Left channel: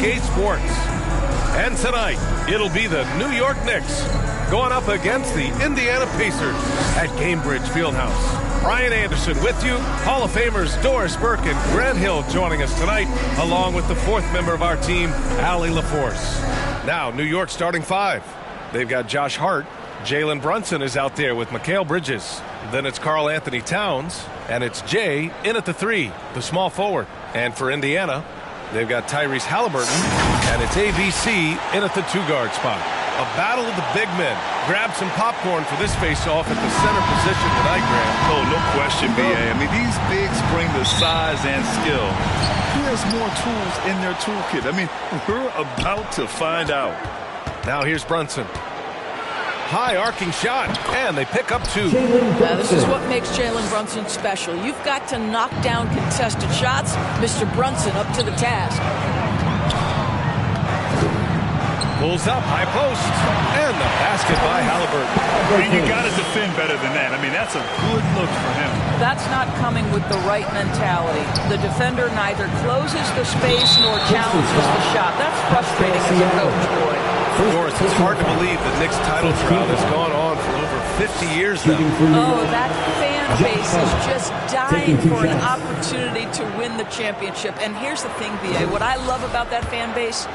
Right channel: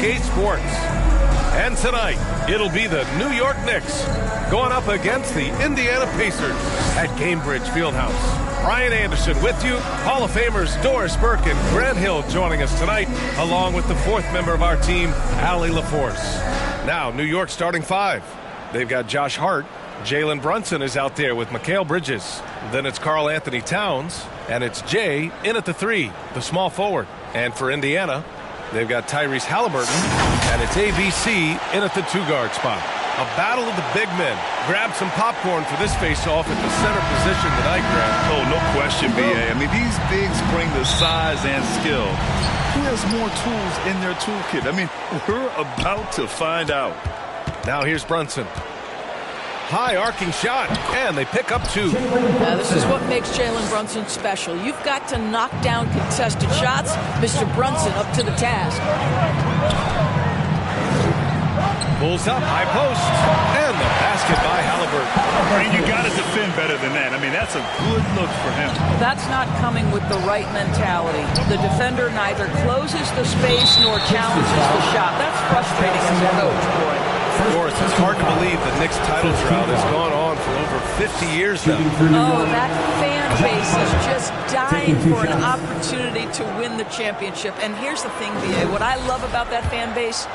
2K Sports. And tonight, it'll be the New York Knicks going up against the Indiana Pacers at Gainbridge Fieldhouse. Brian Anderson with you, Hall of Famers Doris Burke and Grant Hill joining us tonight, along with the fourth member of our team, Allie LaForce. Now, New York starting five. They've got Josh Hart. Jalen Brunson is out there with Mikal Bridges. Then it's Karl Anthony Towns, and it's Jay in at the three, the small forward. And for Indiana, they've got Tyrese Halliburton, and it's ABC in at the two-guard spot. A battle of the big men. Grab some popcorn for this face-off at the center position tonight, Grant. Oh, no question, B.A. I mean, these bigs bring the size and skill. Who has more tools in their toolkit? I mean, we're about to find out. Now here's Brunson. High arcing shot, and they pick up two. Now this is what makes Jalen Brunson special. You've got to knock down contested shots. Mr. Brunson up to the task. Pulls up, high post, and the basket by Halliburton. And you got to defend better than that. I mean, that's a good look for him. That's not coming with the right mentality. The defender neither closes the space nor challenges the shot. That's frustrating as a coach, boy. Doris, it's hard to believe the Knicks title drought has gone on for over 50 years now. Oh, that fan base is just dying for an opportunity to win the championship. And here's the thing, B.A., what I love about that fan base,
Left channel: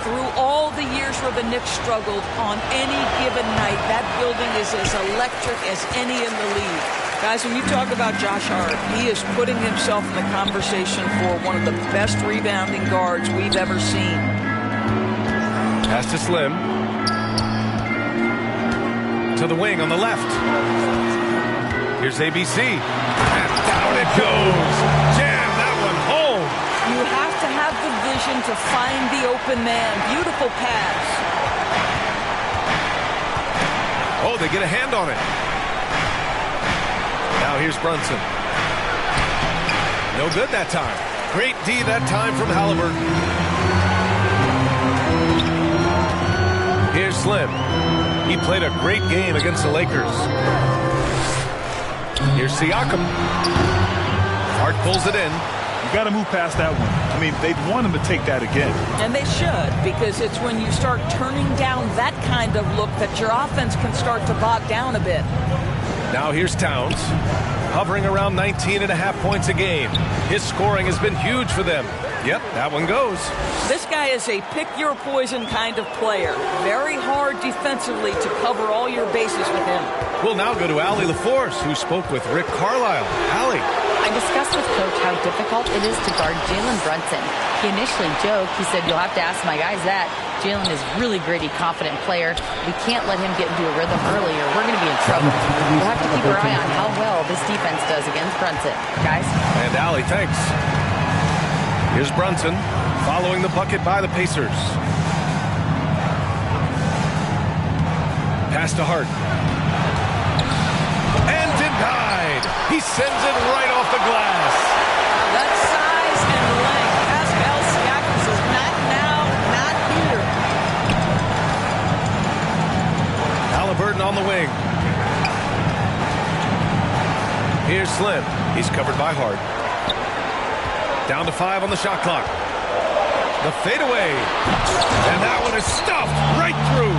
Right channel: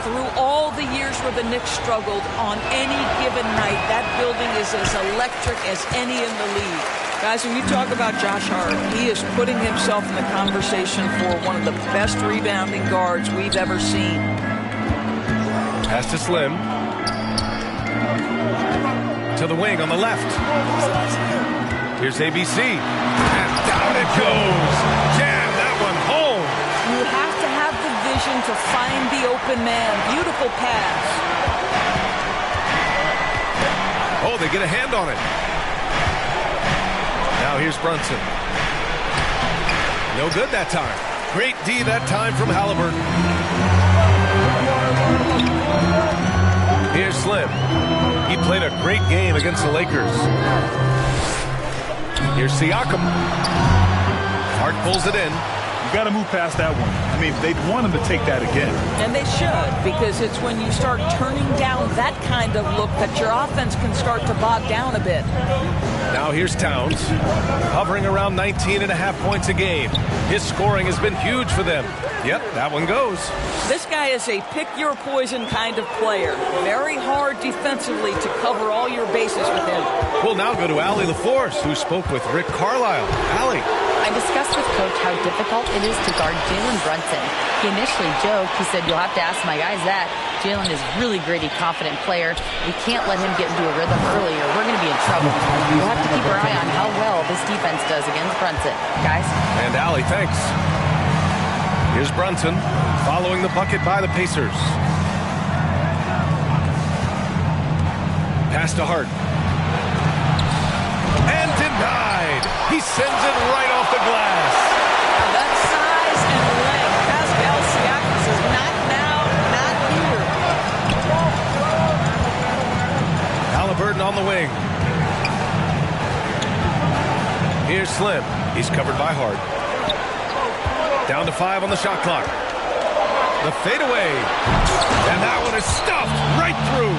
through all the years where the Knicks struggled, on any given night, that building is as electric as any in the league. Guys, when you talk about Josh Hart, he is putting himself in the conversation for one of the best rebounding guards we've ever seen. Pass to Slim. To the wing on the left. Here's ABC. And down it goes. Jam that one home. You have to have the vision to find the open man. Beautiful pass. Oh, they get a hand on it. Now here's Brunson. No good that time. Great D that time from Halliburton. Here's Slim. He played a great game against the Lakers. Here's Siakam. Hart pulls it in. You got to move past that one. I mean, they'd want him to take that again. And they should, because it's when you start turning down that kind of look that your offense can start to bog down a bit. Now here's Towns, hovering around 19.5 points a game. His scoring has been huge for them. Yep, that one goes. This guy is a pick-your-poison kind of player. Very hard defensively to cover all your bases with him. We'll now go to Allie LaForce, who spoke with Rick Carlisle. Allie. I discussed with Coach how difficult it is to guard Jalen Brunson. He initially joked. He said, you'll have to ask my guys that. Jalen is really gritty, confident player. We can't let him get into a rhythm early or we're going to be in trouble. We'll have to keep our eye on how well this defense does against Brunson. Guys? And Allie, thanks. Here's Brunson following the bucket by the Pacers. Pass to Hart. And denied. He sends it right off the glass. Now that size and length. Pascal Siakam says, not now, not here. Halliburton on the wing. Here's Slim. He's covered by Hart. Down to 5 on the shot clock. The fadeaway. And that one is stuffed right through.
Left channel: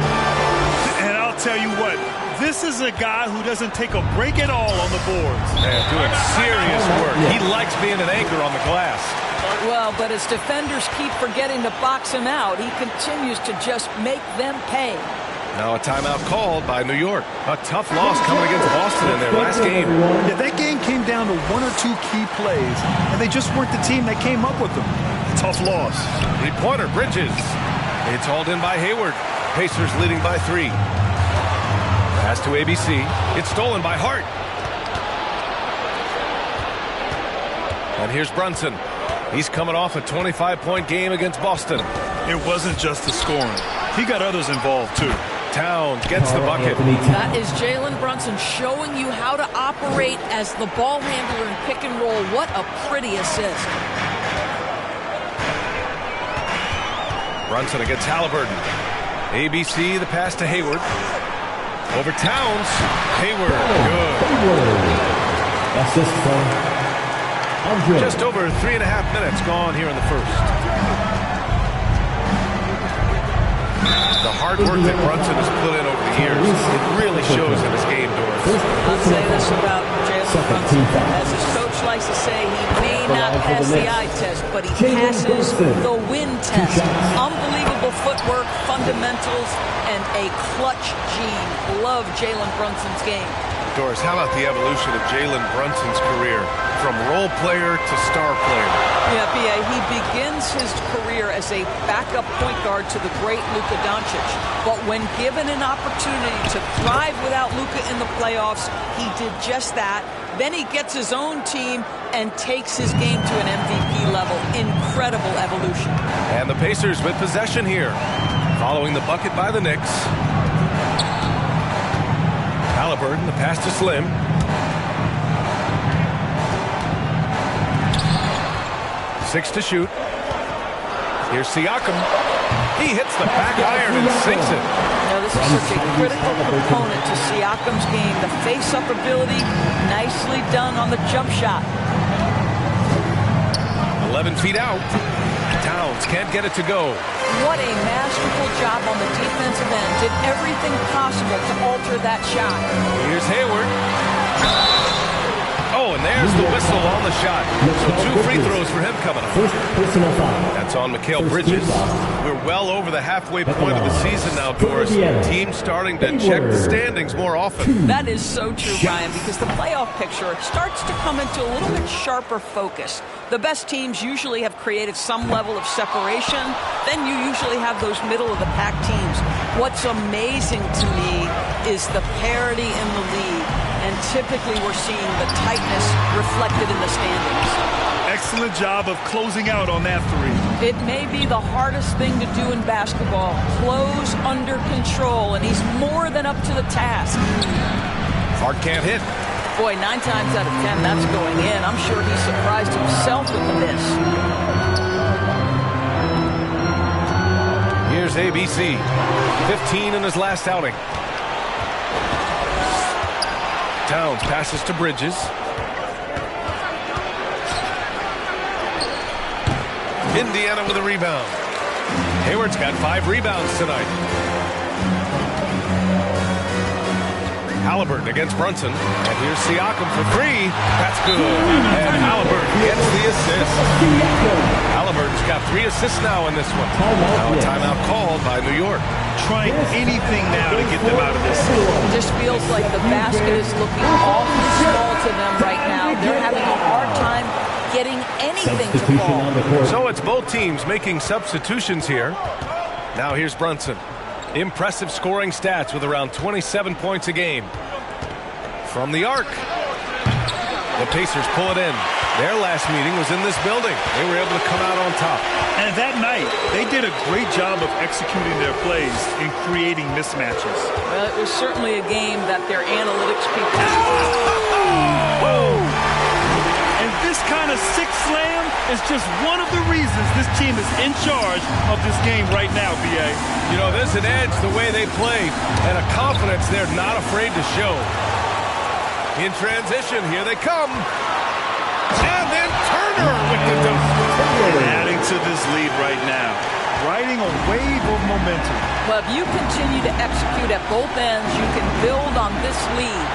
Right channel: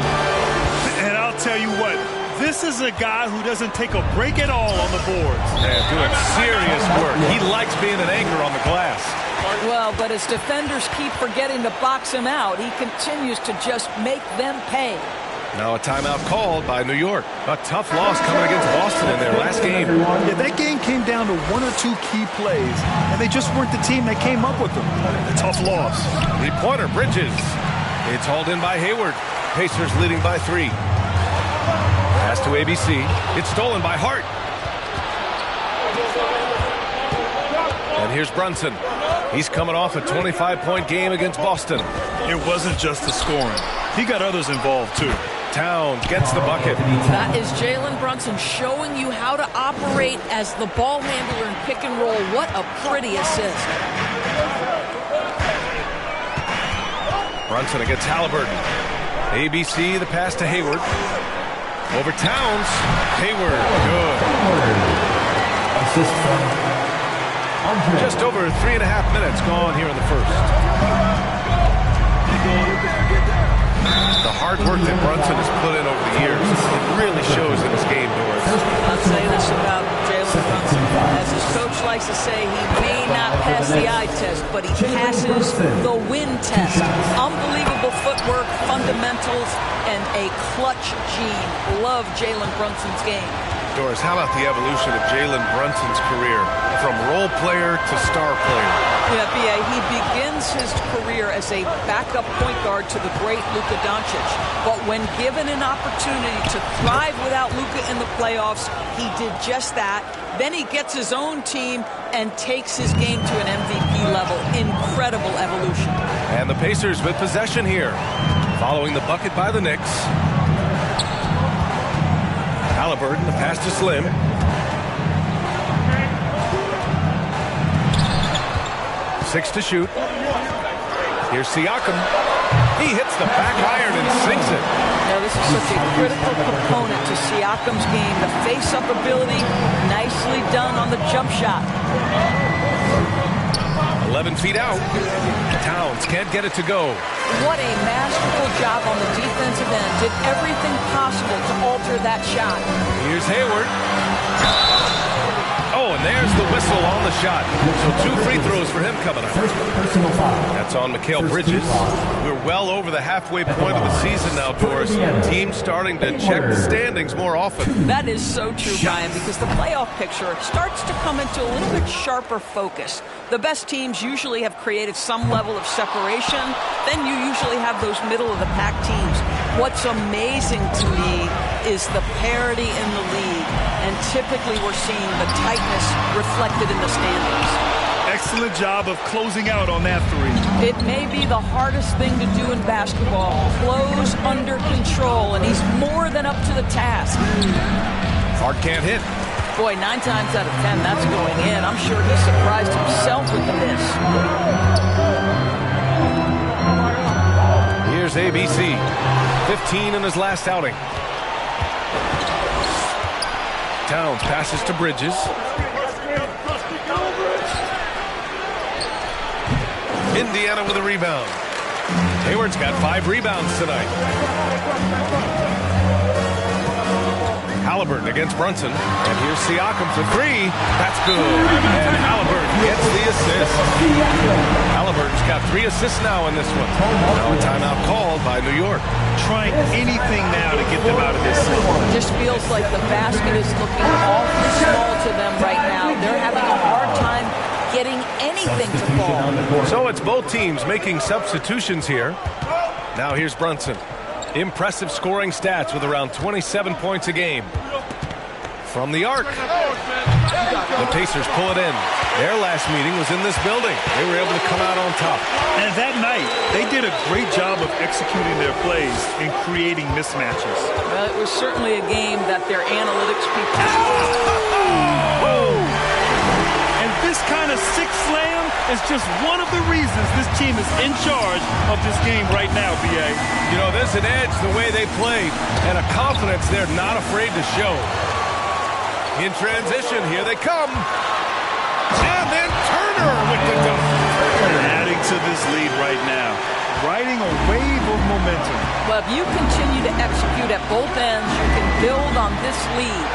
And I'll tell you what, this is a guy who doesn't take a break at all on the boards. Man, doing serious work. He likes being an anchor on the glass. Well, but as defenders keep forgetting to box him out, he continues to just make them pay. Now a timeout called by New York. A tough loss coming against Boston in their last game. Yeah, that game came down to one or two key plays, and they just weren't the team that came up with them. A tough loss. Three-pointer, Bridges. It's hauled in by Hayward. Pacers leading by 3. Pass to ABC. It's stolen by Hart. And here's Brunson. He's coming off a 25-point game against Boston. It wasn't just the scoring. He got others involved, too. Towns gets the bucket. That is Jalen Brunson showing you how to operate as the ball handler in pick and roll. What a pretty assist. Brunson against Halliburton. ABC, the pass to Hayward. Over Towns. Hayward, good. Assist from Andre. Just over 3.5 minutes gone here in the first. The hard work that Brunson has put in over the years, it really shows in his game, Doris. I'll say this about Jalen Brunson. As his coach likes to say, he may not pass the eye test, but he passes the win test. Unbelievable footwork, fundamentals, and a clutch gene. Love Jalen Brunson's game. Doris, how about the evolution of Jalen Brunson's career from role player to star player? Yeah, B.A., he begins his career as a backup point guard to the great Luka Doncic. But when given an opportunity to thrive without Luka in the playoffs, he did just that. Then he gets his own team and takes his game to an MVP level. Incredible evolution. And the Pacers with possession here, following the bucket by the Knicks. Halliburton, the pass to Slim. Six to shoot. Here's Siakam. He hits the back iron and sinks it. Now, this is such a critical component to Siakam's game. The face-up ability, nicely done on the jump shot. 11 feet out. Towns can't get it to go. What a masterful job on the defensive end. Did everything possible to alter that shot. Here's Hayward. Oh, and there's the whistle on the shot. So 2 free throws for him coming up. First personal foul. That's on Mikal Bridges. We're well over the halfway point of the season now, Doris. Teams starting to check the standings more often. That is so true, Brian, because the playoff picture starts to come into a little bit sharper focus. The best teams usually have created some level of separation. Then you usually have those middle-of-the-pack teams. What's amazing to me is the parity in the league. And typically we're seeing the tightness reflected in the standings. Excellent job of closing out on that three. It may be the hardest thing to do in basketball. Close under control, and he's more than up to the task. Hard can't hit. Boy, 9 times out of 10, that's going in. I'm sure he surprised himself with the miss. Here's ABC. 15 in his last outing. Towns passes to Bridges. Indiana with a rebound. Hayward's got 5 rebounds tonight. Halliburton against Brunson. And here's Siakam for 3. That's good. And Halliburton gets the assist. Halliburton's got 3 assists now in this one. Now a timeout called by New York. Trying anything now to get them out of this. It just feels like the basket is looking awfully small to them right now. They're having a hard time getting anything to fall. So it's both teams making substitutions here. Now here's Brunson. Impressive scoring stats with around 27 points a game. From the arc. The Pacers pull it in. Their last meeting was in this building. They were able to come out on top. And that night, they did a great job of executing their plays and creating mismatches. Well, it was certainly a game that their analytics people... Oh! And this kind of sick slam is just one of the reasons this team is in charge of this game right now, B.A. You know, there's an edge the way they play and a confidence they're not afraid to show. In transition, here they come. And then Turner with the dunk. And adding to this lead right now. Riding a wave of momentum. Well, if you continue to execute at both ends, you can build on this lead.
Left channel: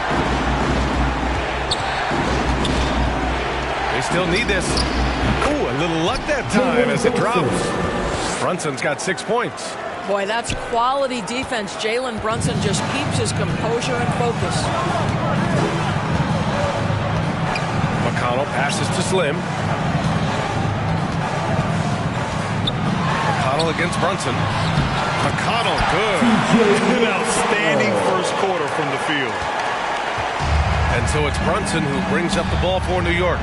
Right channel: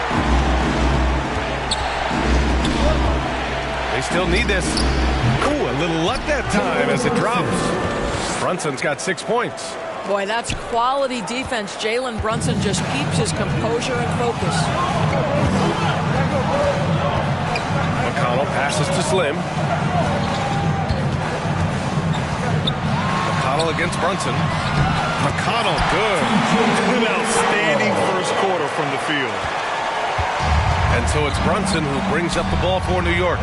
They still need this. Ooh, a little luck that time as it drops. Brunson's got 6 points. Boy, that's quality defense. Jalen Brunson just keeps his composure and focus. McConnell passes to Slim. McConnell against Brunson. McConnell, good. An outstanding first quarter from the field. And so it's Brunson who brings up the ball for New York.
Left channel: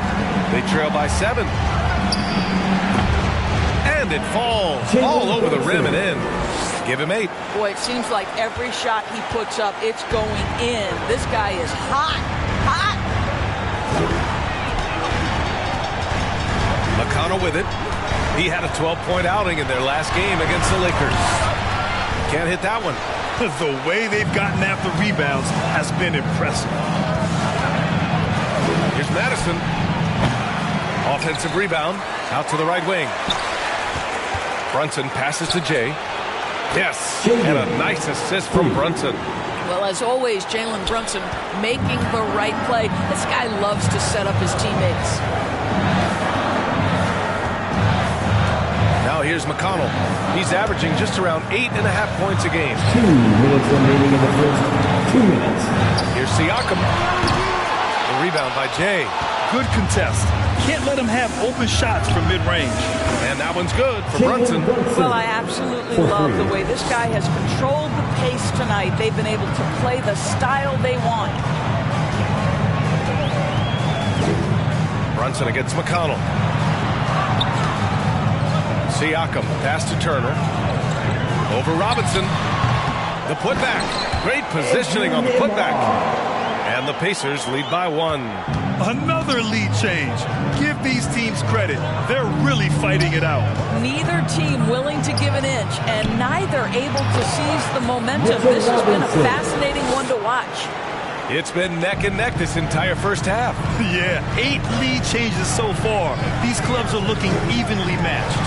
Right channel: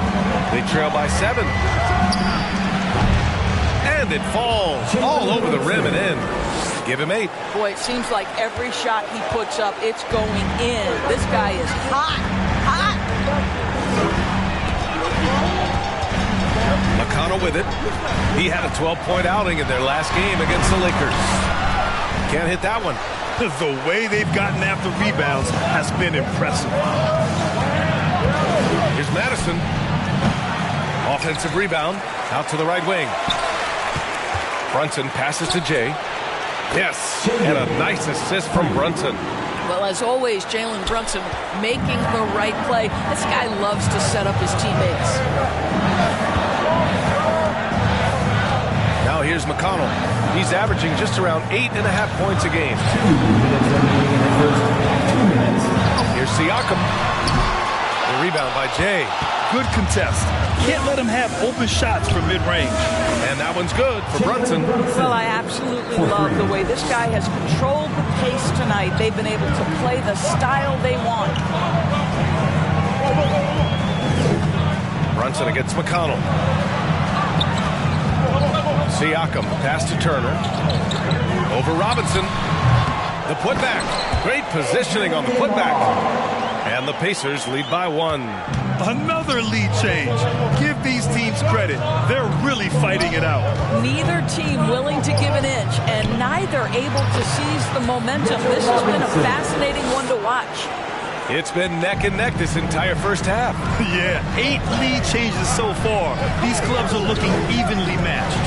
They trail by 7. And it falls all over the rim and in. Give him 8. Boy, it seems like every shot he puts up, it's going in. This guy is hot, hot. McConnell with it. He had a 12-point outing in their last game against the Lakers. Can't hit that one. The way they've gotten after rebounds has been impressive. Here's Madison. Offensive rebound out to the right wing. Brunson passes to Jay. Yes, and a nice assist from Brunson. Well, as always, Jalen Brunson making the right play. This guy loves to set up his teammates. Now here's McConnell. He's averaging just around 8.5 points a game. 2 minutes remaining in the first 2 minutes. Here's Siakam. The rebound by Jay. Good contest. Can't let him have open shots from mid-range. And that one's good for Brunson. Well, I absolutely love the way this guy has controlled the pace tonight. They've been able to play the style they want. Brunson against McConnell. Siakam, pass to Turner. Over Robinson. The putback. Great positioning on the putback. And the Pacers lead by 1. Another lead change. Give these teams credit. They're really fighting it out. Neither team willing to give an inch, and neither able to seize the momentum. This has been a fascinating one to watch. It's been neck and neck this entire first half. Yeah, 8 lead changes so far. These clubs are looking evenly matched.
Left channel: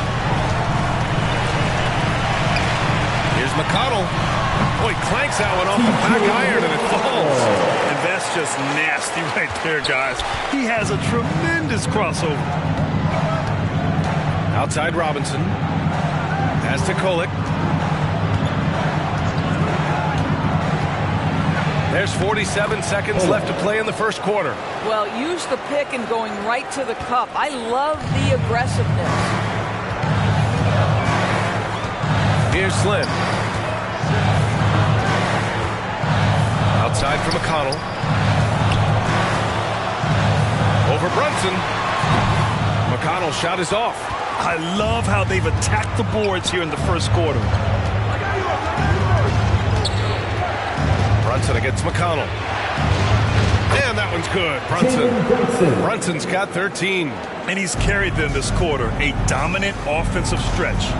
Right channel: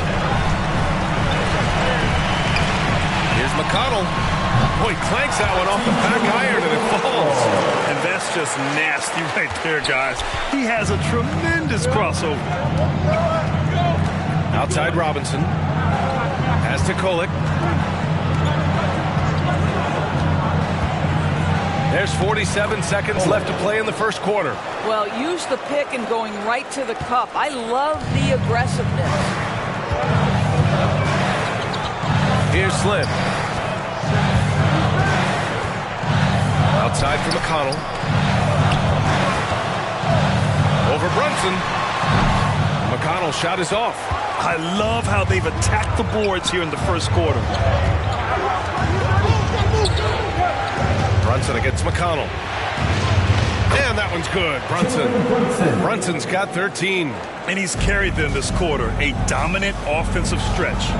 Here's McConnell. Boy, clanks that one off the back iron and it falls. And that's just nasty right there, guys. He has a tremendous crossover. Outside Robinson. Pass to Kolek. There's 47 seconds left to play in the first quarter. Well, use the pick and going right to the cup. I love the aggressiveness. Here's Slim. Outside for McConnell. Over Brunson. McConnell's shot is off. I love how they've attacked the boards here in the first quarter. Brunson against McConnell. And that one's good. Brunson's got 13. And he's carried them this quarter. A dominant offensive stretch.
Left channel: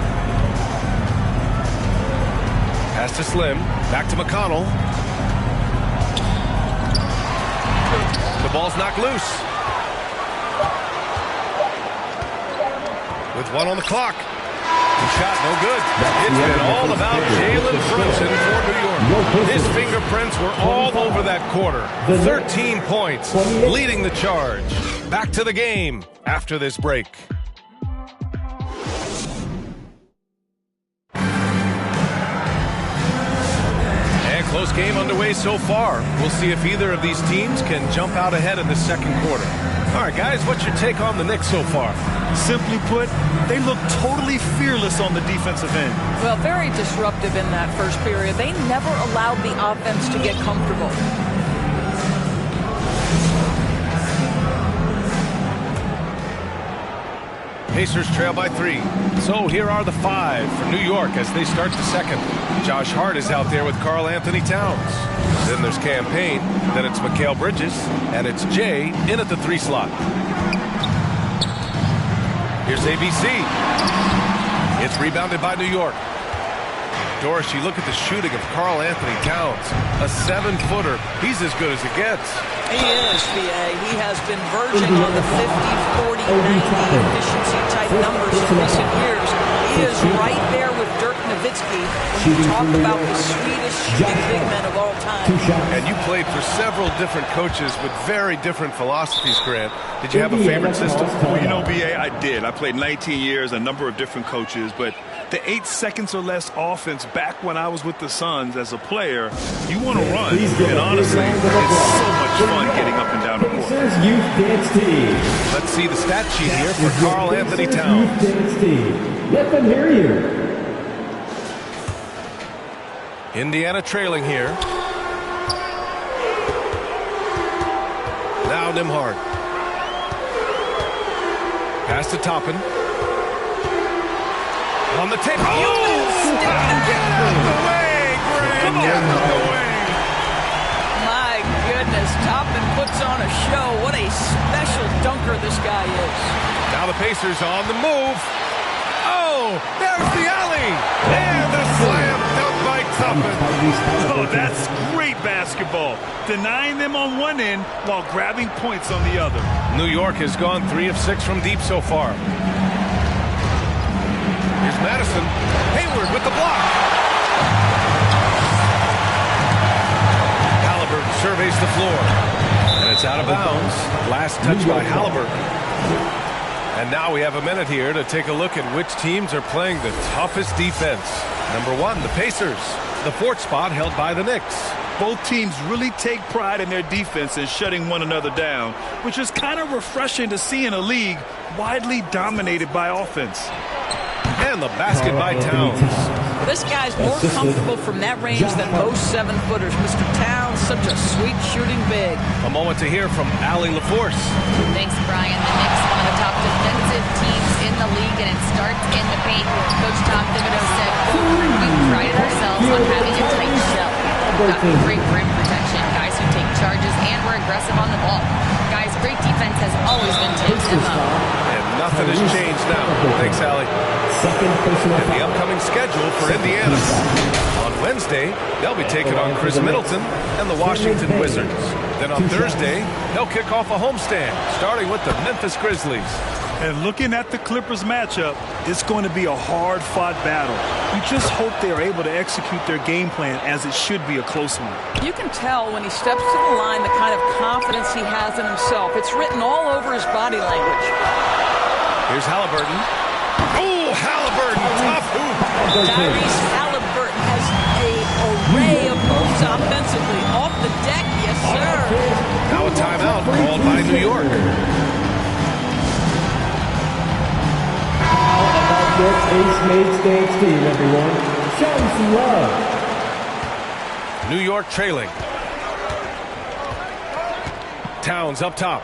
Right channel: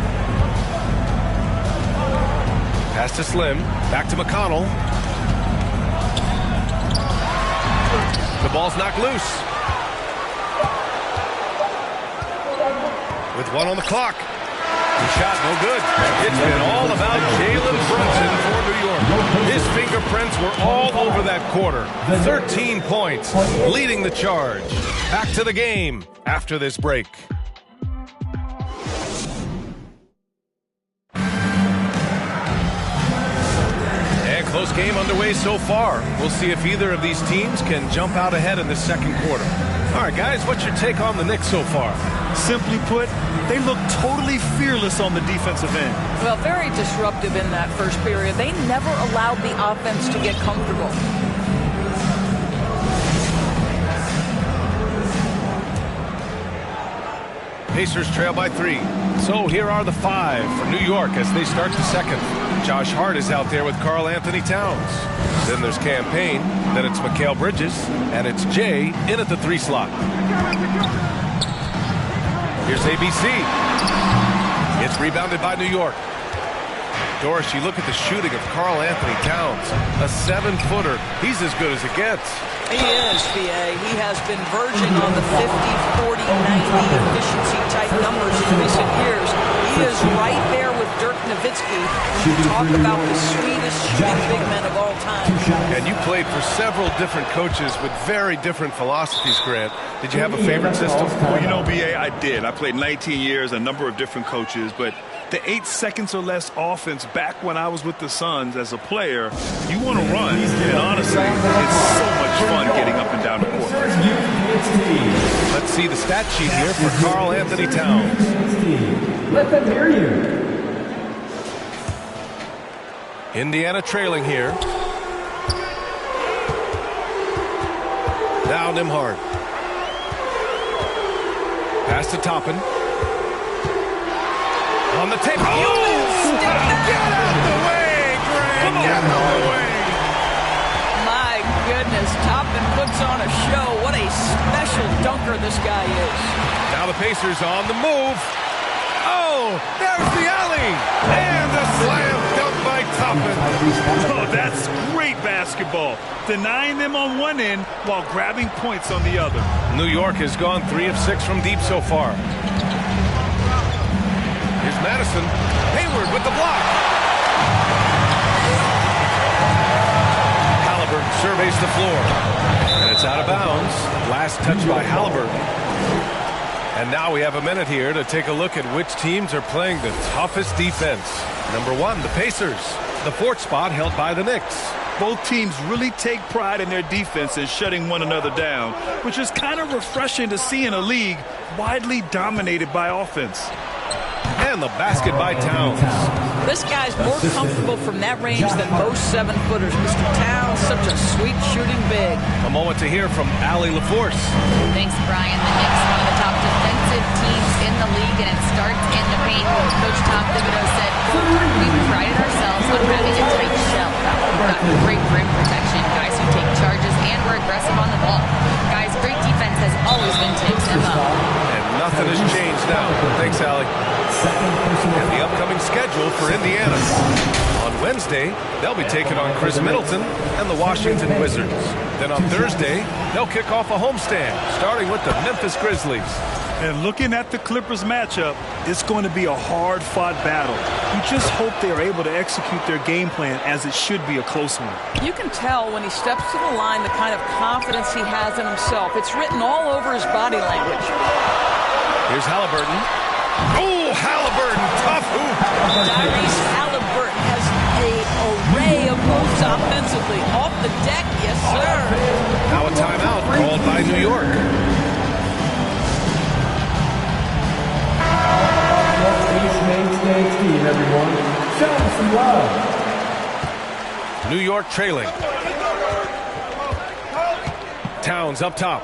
Pass to Slim. Back to McConnell. The ball's knocked loose. With 1 on the clock. The shot no good. It's been all about Jalen Brunson for New York. His fingerprints were all over that quarter. 13 points, leading the charge. Back to the game after this break. And close game underway so far. We'll see if either of these teams can jump out ahead in the second quarter. All right, guys, what's your take on the Knicks so far? Simply put, they look totally fearless on the defensive end. Well, very disruptive in that first period. They never allowed the offense to get comfortable. Pacers trail by 3. So here are the 5 for New York as they start the second. Josh Hart is out there with Karl Anthony Towns. Then there's Campaign. Then it's Mikal Bridges. And it's Jay in at the 3 slot. Here's ABC. It's rebounded by New York. Doris, you look at the shooting of Karl Anthony Towns. A 7-footer. He's as good as it gets. He is, B.A. He has been verging on the 50, 40, 90 efficiency type numbers in recent years. He is right there with Dirk Nowitzki when you talk about the sweetest shooting big men of all time. And you played for several different coaches with very different philosophies, Grant. Did you have a favorite system? Well, you know, B.A., I did. I played 19 years, a number of different coaches, but the 8 seconds or less offense back when I was with the Suns as a player, you want to run. And honestly, it's so much fun getting up and down the court. Let's see the stat sheet here for Karl Anthony Towns. Let them hear you. Indiana trailing here. Now Nembhard. Pass to Toppin. On the tape. Oh! Get out the way, Grant! Get out the way! My goodness, Toppin puts on a show. What a special dunker this guy is. Now the Pacers on the move. Oh, there's the alley! And a slam dunk by Toppin. Oh, that's great basketball. Denying them on one end while grabbing points on the other. New York has gone 3 of 6 from deep so far. Here's Madison. Hayward with the block. Halliburton surveys the floor. And it's out of bounds. Last touch by Halliburton. And now we have a minute here to take a look at which teams are playing the toughest defense. Number 1, the Pacers. The 4th spot held by the Knicks. Both teams really take pride in their defense and shutting one another down, which is kind of refreshing to see in a league widely dominated by offense. And the basket by Towns. This guy's more comfortable from that range than most 7-footers. Mr. Towns, such a sweet shooting big. A moment to hear from Allie LaForce. Thanks, Brian. The Knicks, one of the top defensive teams in the league, and it starts in the paint. Coach Tom Thibodeau said, quote, "We've prided ourselves on having a tight shell. We've got great rim protection, guys who take charges, and we're aggressive on the ball. Guys, great defense has always been Tim's MO." And nothing has changed now. Thanks, Allie. And the upcoming schedule for Indiana. On Wednesday, they'll be taking on Chris Middleton and the Washington Wizards. Then on Thursday, they'll kick off a homestand, starting with the Memphis Grizzlies. And looking at the Clippers matchup, it's going to be a hard-fought battle. We just hope they are able to execute their game plan, as it should be a close one. You can tell when he steps to the line the kind of confidence he has in himself. It's written all over his body language. Here's Halliburton. Oh, Halliburton, tough hoop. Tyrese Halliburton has an array of moves offensively. Off the deck, yes, sir. Now a timeout called by New York. How about this Ace Mates team, everyone? Show them some love. New York trailing. Towns up top.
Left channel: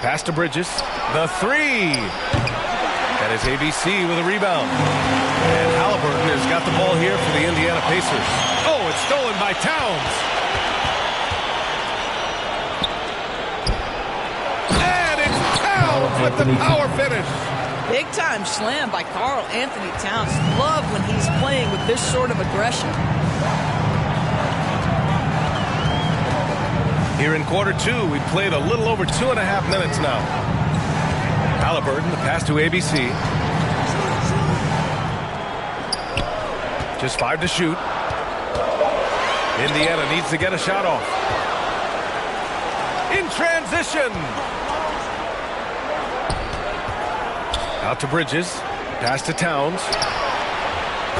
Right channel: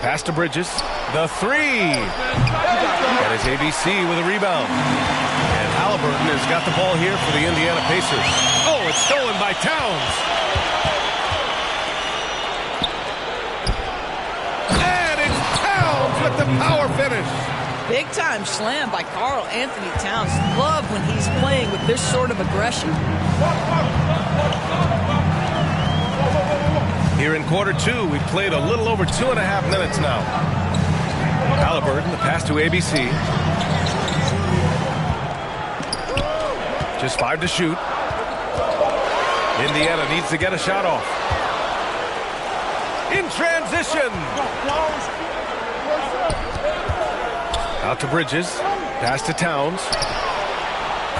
Pass to Bridges. The 3. That is ABC with a rebound. And Halliburton has got the ball here for the Indiana Pacers. Oh, it's stolen by Towns. And it's Towns with the power finish. Big time slam by Karl Anthony Towns. Love when he's playing with this sort of aggression. Here in quarter 2, we've played a little over 2.5 minutes now. Halliburton, the pass to ABC. Just 5 to shoot. Indiana needs to get a shot off. In transition. Out to Bridges. Pass to Towns.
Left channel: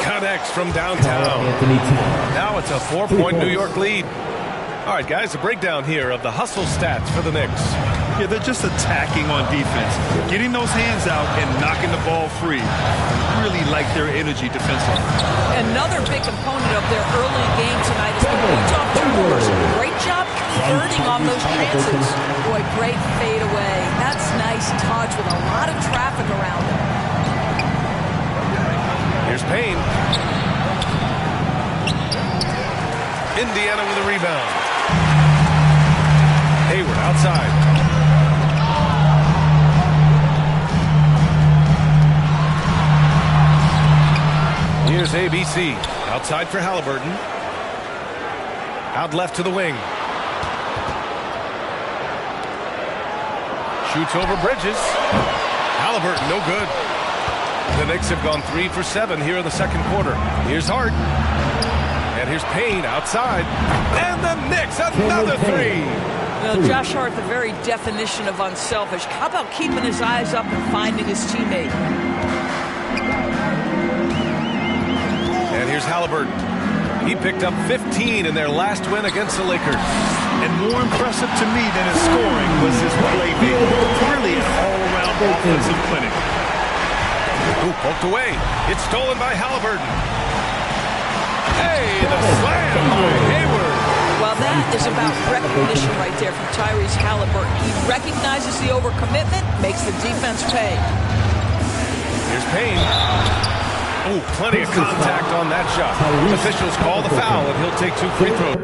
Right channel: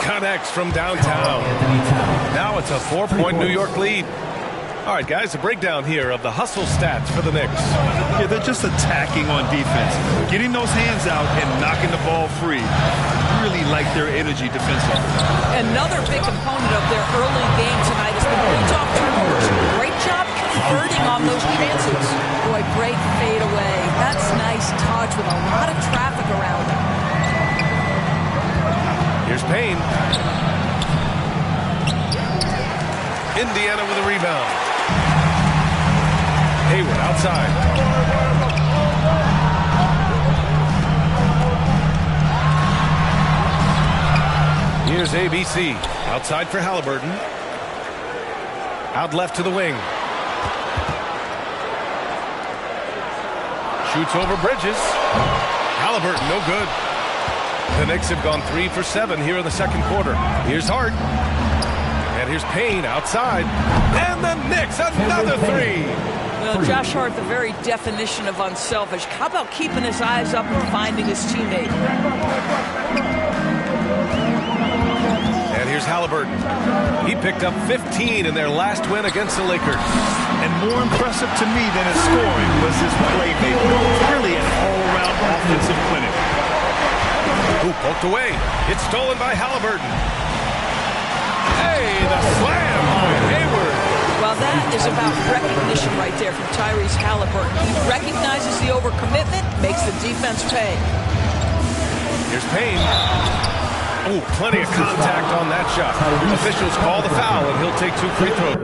Connects from downtown. Now it's a 4-point New York lead. All right, guys, a breakdown here of the hustle stats for the Knicks. Yeah, they're just attacking on defense, getting those hands out and knocking the ball free. I really like their energy defensively. Another big component of their early game tonight has been points off turnovers. Great job converting on those chances. Boy, great fade away. That's nice touch with a lot of traffic around him. Here's Payne. Indiana with a rebound. Hayward outside. Here's ABC. Outside for Halliburton. Out left to the wing. Shoots over Bridges. Halliburton, no good. The Knicks have gone 3 for 7 here in the second quarter. Here's Hart. And here's Payne outside. And the Knicks, another 3. Well, Josh Hart, the very definition of unselfish. How about keeping his eyes up and finding his teammate? And here's Halliburton. He picked up 15 in their last win against the Lakers. And more impressive to me than his scoring was his playmaking. Really an all-around offensive clinic. Ooh, poked away. It's stolen by Halliburton. Hey, the slam by Hayward. Well, that is about recognition right there from Tyrese Halliburton. He recognizes the overcommitment, makes the defense pay. Here's Payne. Oh, plenty of contact on that shot. Officials call the foul, and he'll take 2 free throws.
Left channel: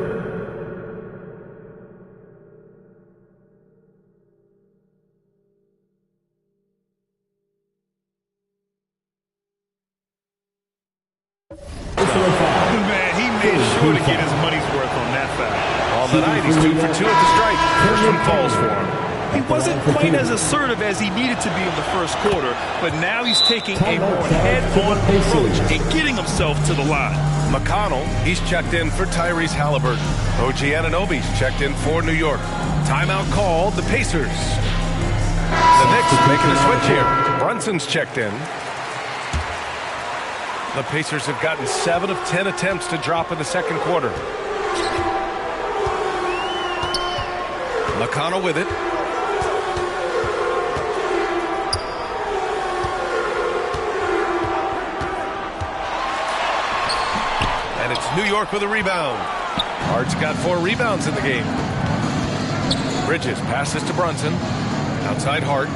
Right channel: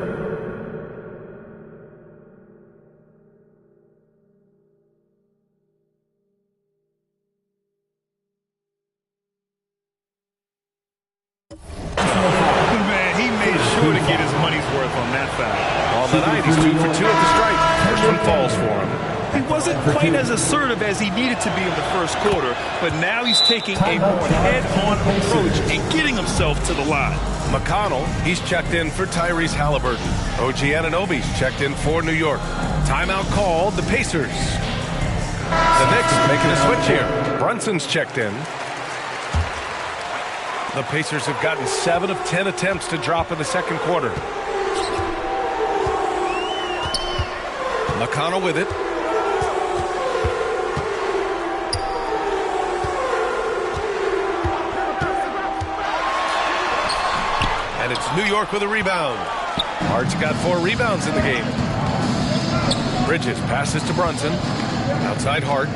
Man, he made sure to get his money's worth on that foul. On the night, he's 2 for 2 at the stripe. First one falls for him. He wasn't quite as assertive as he needed to be in the first quarter, but now he's taking a more head-on approach and getting himself to the line. McConnell, he's checked in for Tyrese Halliburton. OG Anunoby's checked in for New York. Timeout called, the Pacers. The Knicks making a switch here. Brunson's checked in. The Pacers have gotten 7 of 10 attempts to drop in the second quarter. McConnell with it. And it's New York with a rebound. Hart's got 4 rebounds in the game. Bridges passes to Brunson. Outside Hart.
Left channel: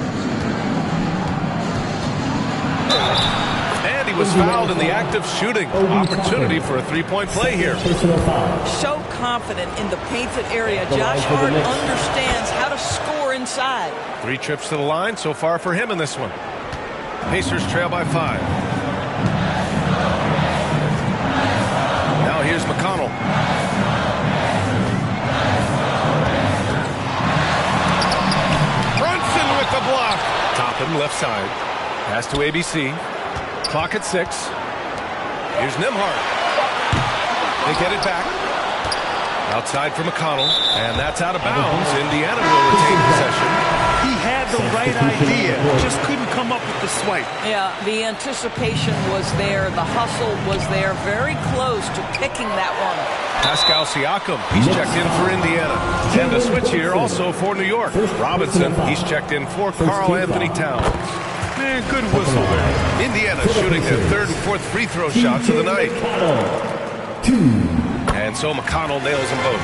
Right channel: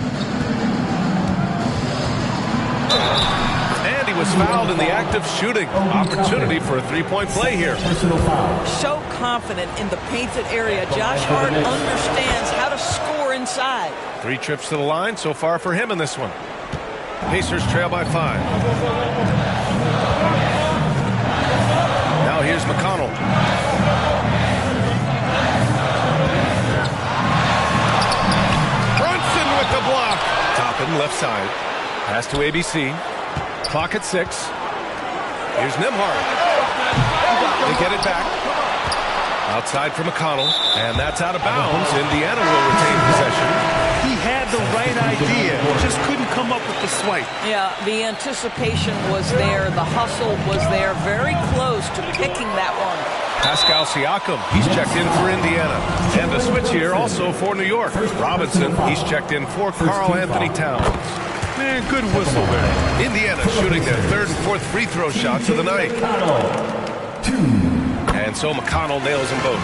And he was fouled in the act of shooting. Opportunity for a three-point play here. So confident in the painted area. Josh Hart understands how to score inside. 3 trips to the line so far for him in this one. Pacers trail by 5. Now here's McConnell. Brunson with the block. Toppin left side. Pass to ABC. Clock at 6. Here's Nembhard. They get it back. Outside for McConnell. And that's out of bounds. Indiana will retain possession. He had the right idea, just couldn't come up with the swipe. Yeah, the anticipation was there. The hustle was there. Very close to picking that one. Pascal Siakam, he's checked in for Indiana. And a switch here also for New York. Robinson, he's checked in for Karl Anthony Towns. Man, good whistle there. Indiana shooting their 3rd and 4th free throw shots of the night. And so McConnell nails them both.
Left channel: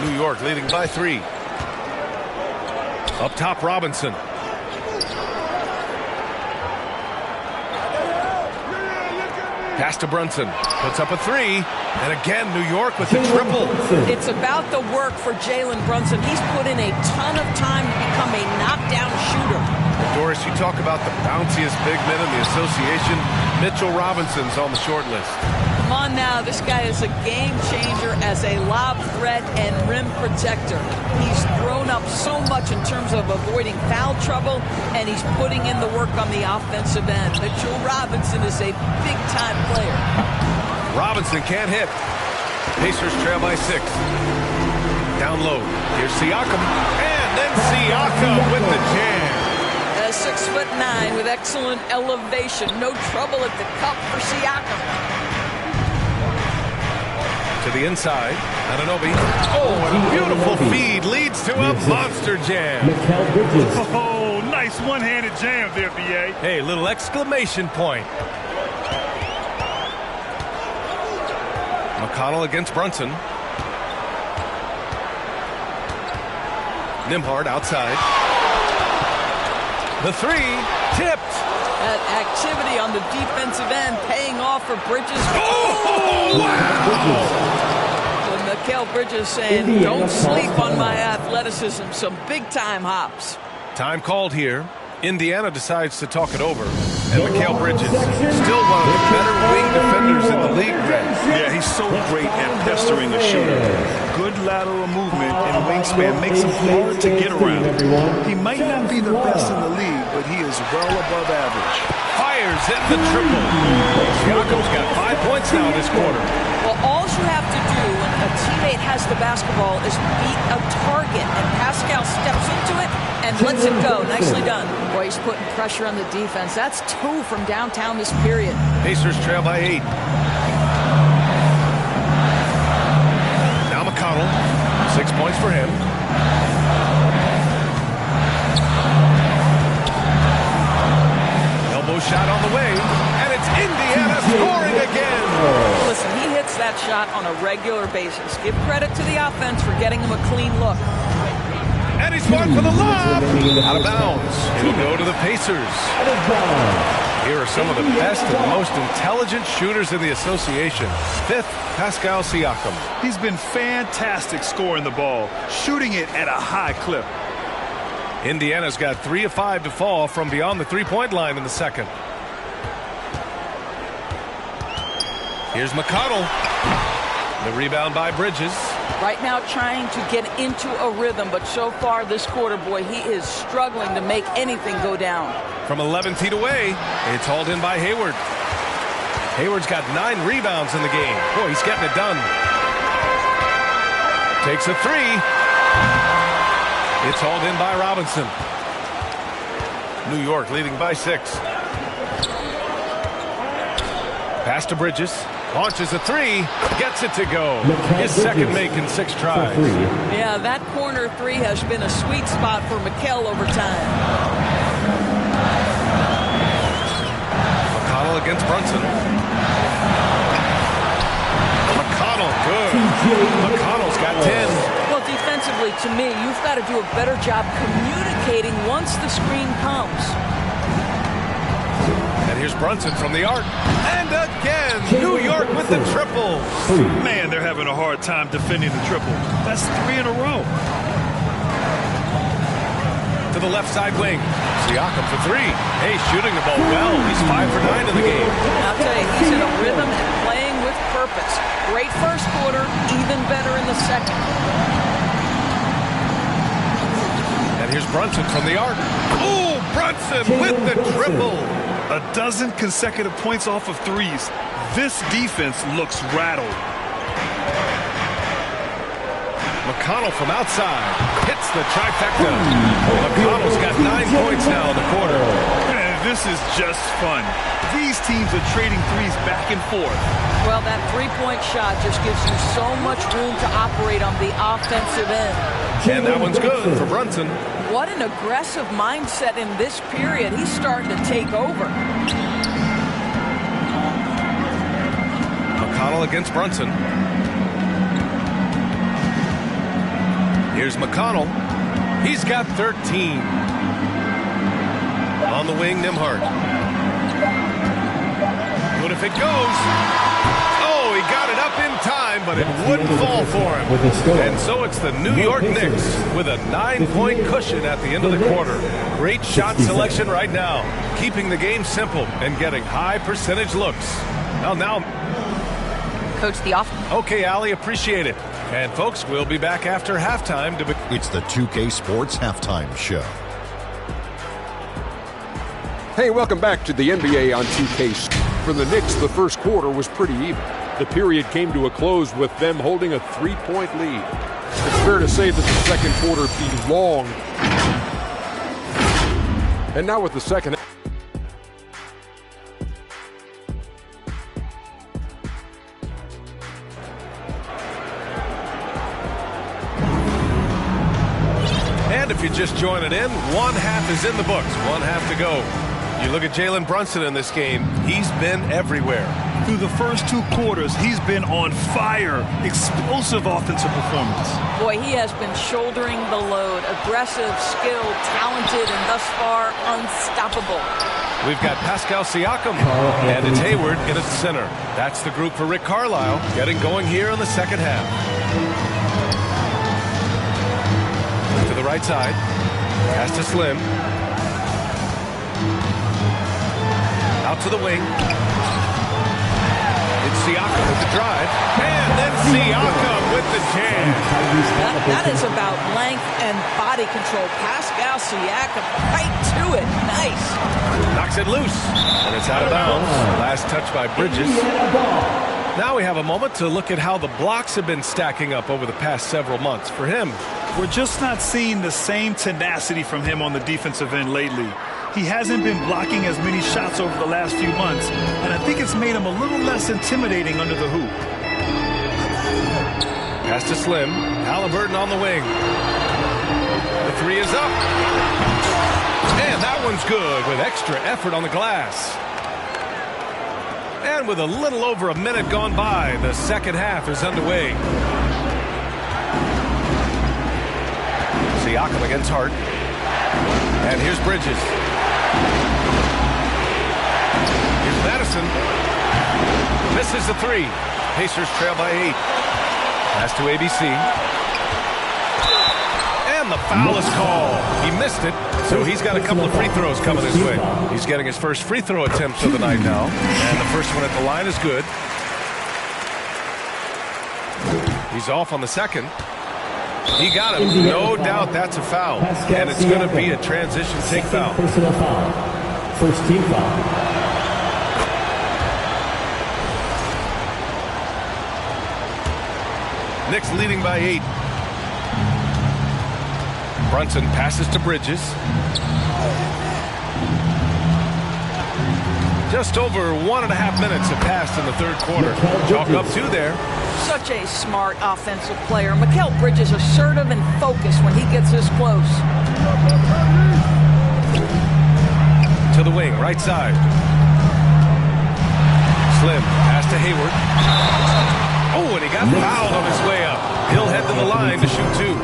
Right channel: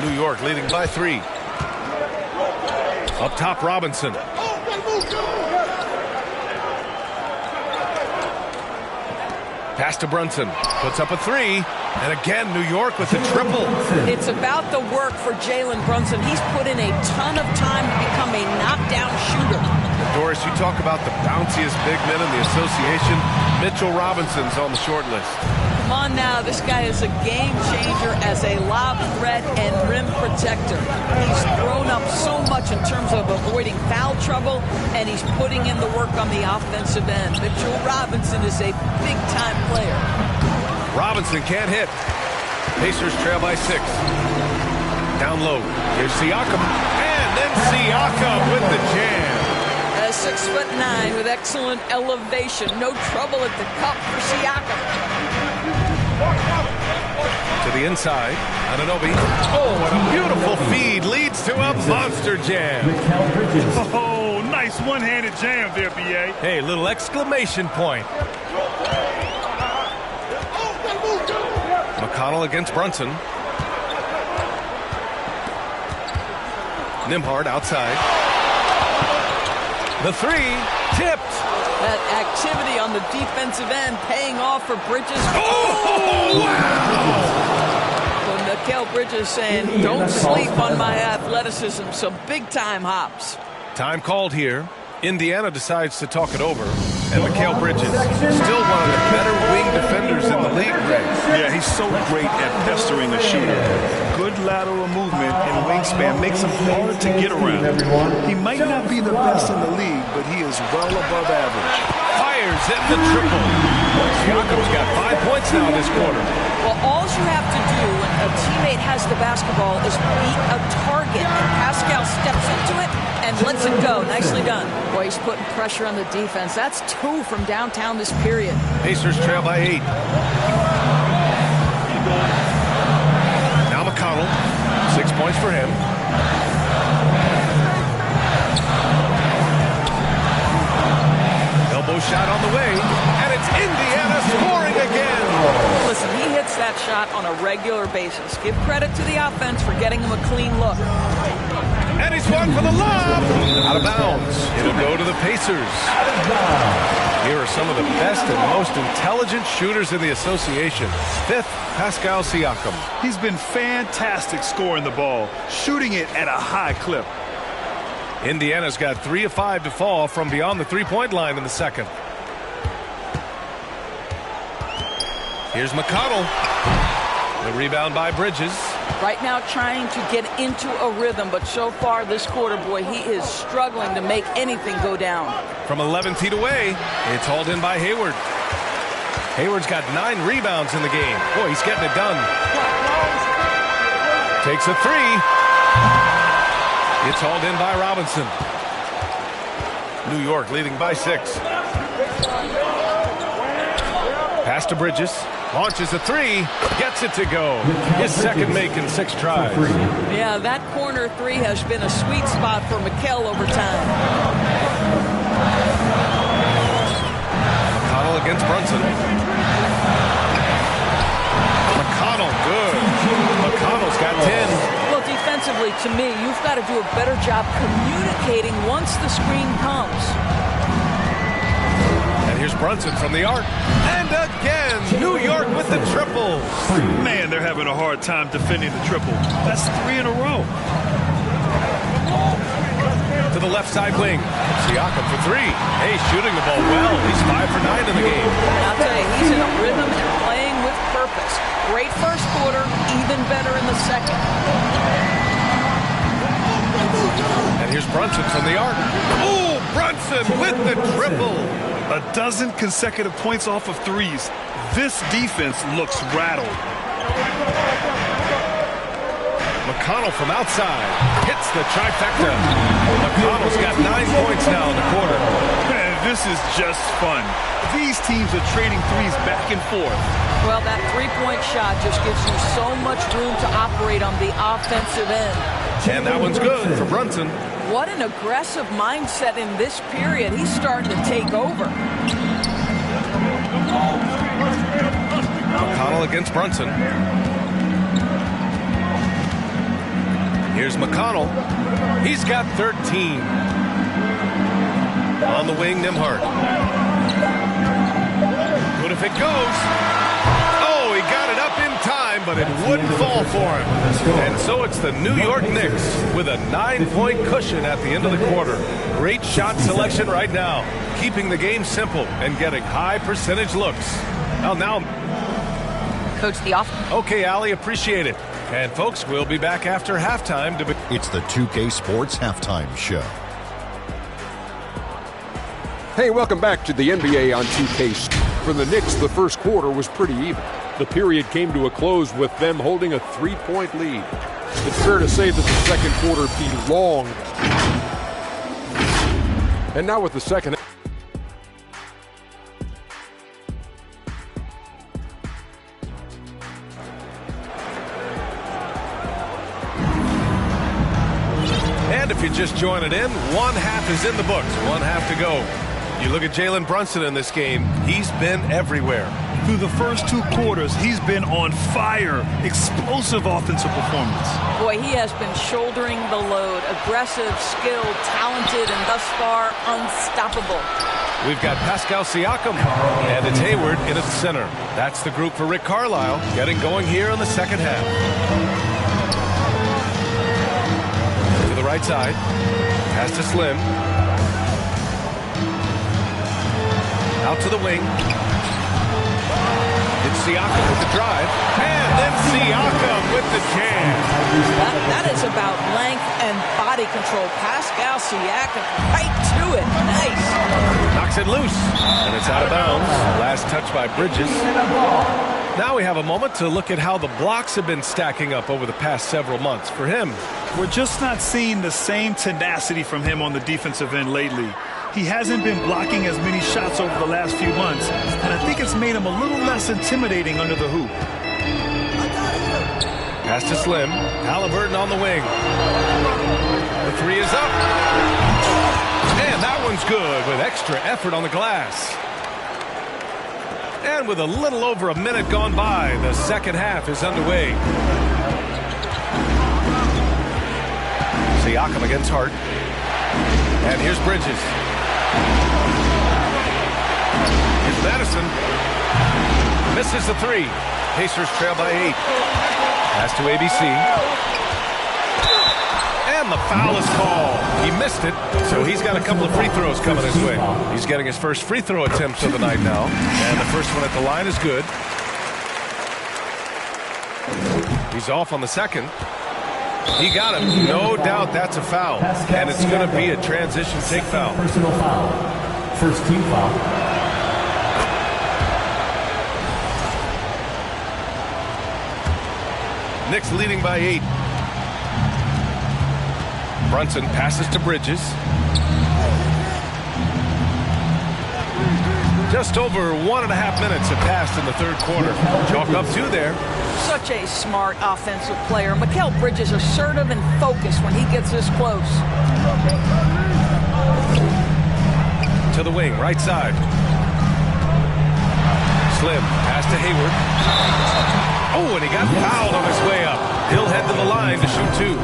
New York leading by 3. Up top, Robinson. Pass to Brunson. Puts up a 3. And again, New York with the triple. It's about the work for Jalen Brunson. He's put in a ton of time to become a knockdown shooter. And Doris, you talk about the bounciest big men in the association. Mitchell Robinson's on the short list. Come on now, this guy is a game changer as a lob threat and rim protector. He's thrown up so much in terms of avoiding foul trouble, and he's putting in the work on the offensive end. Mitchell Robinson is a big-time player. Robinson can't hit. Pacers trail by 6. Down low. Here's Siakam. And then Siakam with the jam. 6'9" with excellent elevation. No trouble at the cup for Siakam. To the inside. Anunoby. Oh, and a beautiful feed leads to a monster jam. Oh, nice one-handed jam there, B.A. Hey, little exclamation point. McConnell against Brunson. Nembhard outside. The 3 tipped. That activity on the defensive end paying off for Bridges. Oh, wow! When Mikal Bridges saying, don't sleep on my athleticism. Some big-time hops. Time called here. Indiana decides to talk it over. And Mikal Bridges, still one of the better wing defenders in the league, Greg. Yeah, he's so great at pestering a shooter. Good lateral movement and wingspan makes him hard to get around. He might not be the best in the league, but he is well above average. Fires in the triple. Siakam's got 5 points now this quarter. Well, all you have to do when a teammate has the basketball is beat a target, and Pascal steps into it and lets it go. Nicely done. Boy, he's putting pressure on the defense. That's 2 from downtown this period. Pacers trail by 8. Now McConnell. 6 points for him. Elbow shot on the way, and it's Indiana scoring again. Listen, he hits that shot on a regular basis. Give credit to the offense for getting him a clean look. And he's one for the lob. Out of bounds. It'll go to the Pacers. Out of bounds. Here are some of the best and most intelligent shooters in the association. Fifth, Pascal Siakam. He's been fantastic scoring the ball, shooting it at a high clip. Indiana's got 3 of 5 to fall from beyond the three-point line in the second. Here's McConnell. The rebound by Bridges. Right now trying to get into a rhythm, but so far this quarter, boy, he is struggling to make anything go down. From 11 feet away, it's hauled in by Hayward. Hayward's got 9 rebounds in the game. Boy, he's getting it done. Takes a 3. It's hauled in by Robinson. New York leading by 6. Pass to Bridges. Launches a 3. Gets it to go. His second make in 6 tries. Yeah, that corner 3 has been a sweet spot for Mikal over time. McConnell against Brunson. McConnell, good. McConnell's got 10. Well, defensively, to me, you've got to do a better job communicating once the screen comes. And here's Brunson from the arc. And again, New York with the triple. Man, they're having a hard time defending the triple. That's 3 in a row. To the left side wing. Siakam for 3. Hey, shooting the ball well. He's 5 for 9 in the game. I'll tell you, he's in a rhythm and playing with purpose. Great first quarter, even better in the second. And here's Brunson from the arc. Oh, Brunson with the triple. A dozen consecutive points off of 3s. This defense looks rattled. McConnell from outside hits the trifecta. McConnell's got 9 points now in the quarter. Man, this is just fun. These teams are trading 3s back and forth. Well, that three-point shot just gives you so much room to operate on the offensive end. And that one's good for Brunson. What an aggressive mindset in this period. He's starting to take over. McConnell against Brunson. Here's McConnell. He's got 13. On the wing, Nembhard. Good if it goes. Oh, he got it up in time, but it wouldn't fall for him. And so it's the New York Knicks with a 9-point cushion at the end of the quarter. Great shot selection right now, keeping the game simple and getting high percentage looks. Well, now, Coach, the off. Okay, Allie, appreciate it. And folks, we'll be back after halftime. It's the 2K Sports Halftime Show. Hey, welcome back to the NBA on 2K. For the Knicks, the first quarter was pretty even. The period came to a close with them holding a 3-point lead. It's fair to say that the second quarter belonged. And now with the second. And if you're just joining in, one half is in the books, one half to go. You look at Jalen Brunson in this game, he's been everywhere. Through the first 2 quarters, he's been on fire. Explosive offensive performance. Boy, he has been shouldering the load. Aggressive, skilled, talented, and thus far unstoppable. We've got Pascal Siakam, and it's Hayward in at the center. That's the group for Rick Carlisle, getting going here in the second half. To the right side, pass to Slim. Out to the wing. It's Siakam with the drive. And then Siakam with the jam. That is about length and body control. Pascal Siakam right to it. Nice. Knocks it loose. And it's out of bounds. Last touch by Bridges. Now we have a moment to look at how the blocks have been stacking up over the past several months for him. We're just not seeing the same tenacity from him on the defensive end lately. He hasn't been blocking as many shots over the last few months, and I think it's made him a little less intimidating under the hoop. Pass to Slim. Halliburton on the wing. The 3 is up. And that one's good with extra effort on the glass. And with a little over a minute gone by, the second half is underway. Siakam against Hart. And here's Bridges. Here's Madison. Misses the three. Pacers trail by 8. Pass to ABC. And the foul is called. He missed it, so he's got a couple of free throws coming his way. He's getting his first free throw attempt of the night now. And the first one at the line is good. He's off on the second. He got him. No doubt that's a foul. And it's going to be a transition take foul. Personal foul. First team foul. Knicks leading by 8. Brunson passes to Bridges. Just over 1.5 minutes have passed in the third quarter. Chalk up 2 there. Such a smart offensive player. Mikal Bridges assertive and focused when he gets this close. To the wing, right side. Slim, pass to Hayward. Oh, and he got fouled on his way up. He'll head to the line to shoot 2.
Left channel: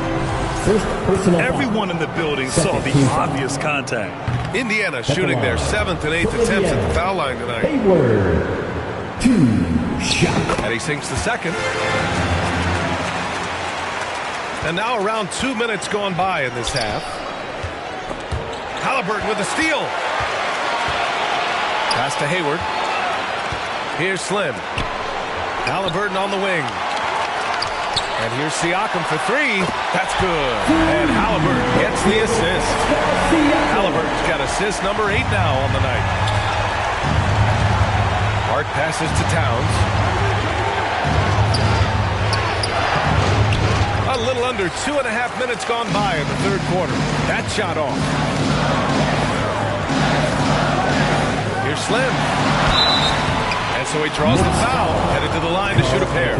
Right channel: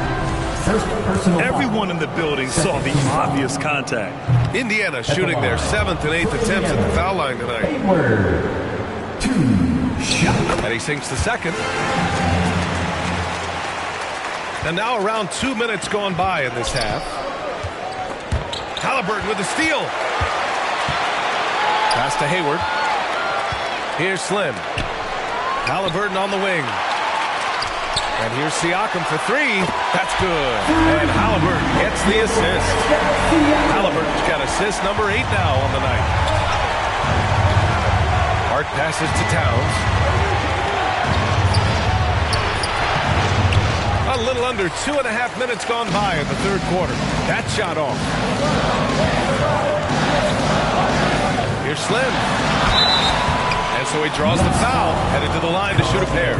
First personal Everyone in the building saw the obvious contact. Indiana shooting their 7th and 8th attempts at the foul line tonight. Hayward. 2 shot. And he sinks the second. And now around 2 minutes gone by in this half. Halliburton with the steal. Pass to Hayward. Here's Slim. Halliburton on the wing. And here's Siakam for 3. That's good. And Halliburton gets the assist. Halliburton's got assist number 8 now on the night. Hart passes to Towns. A little under 2.5 minutes gone by in the third quarter. That shot off. Here's Slim. And so he draws the foul, headed to the line to shoot a pair.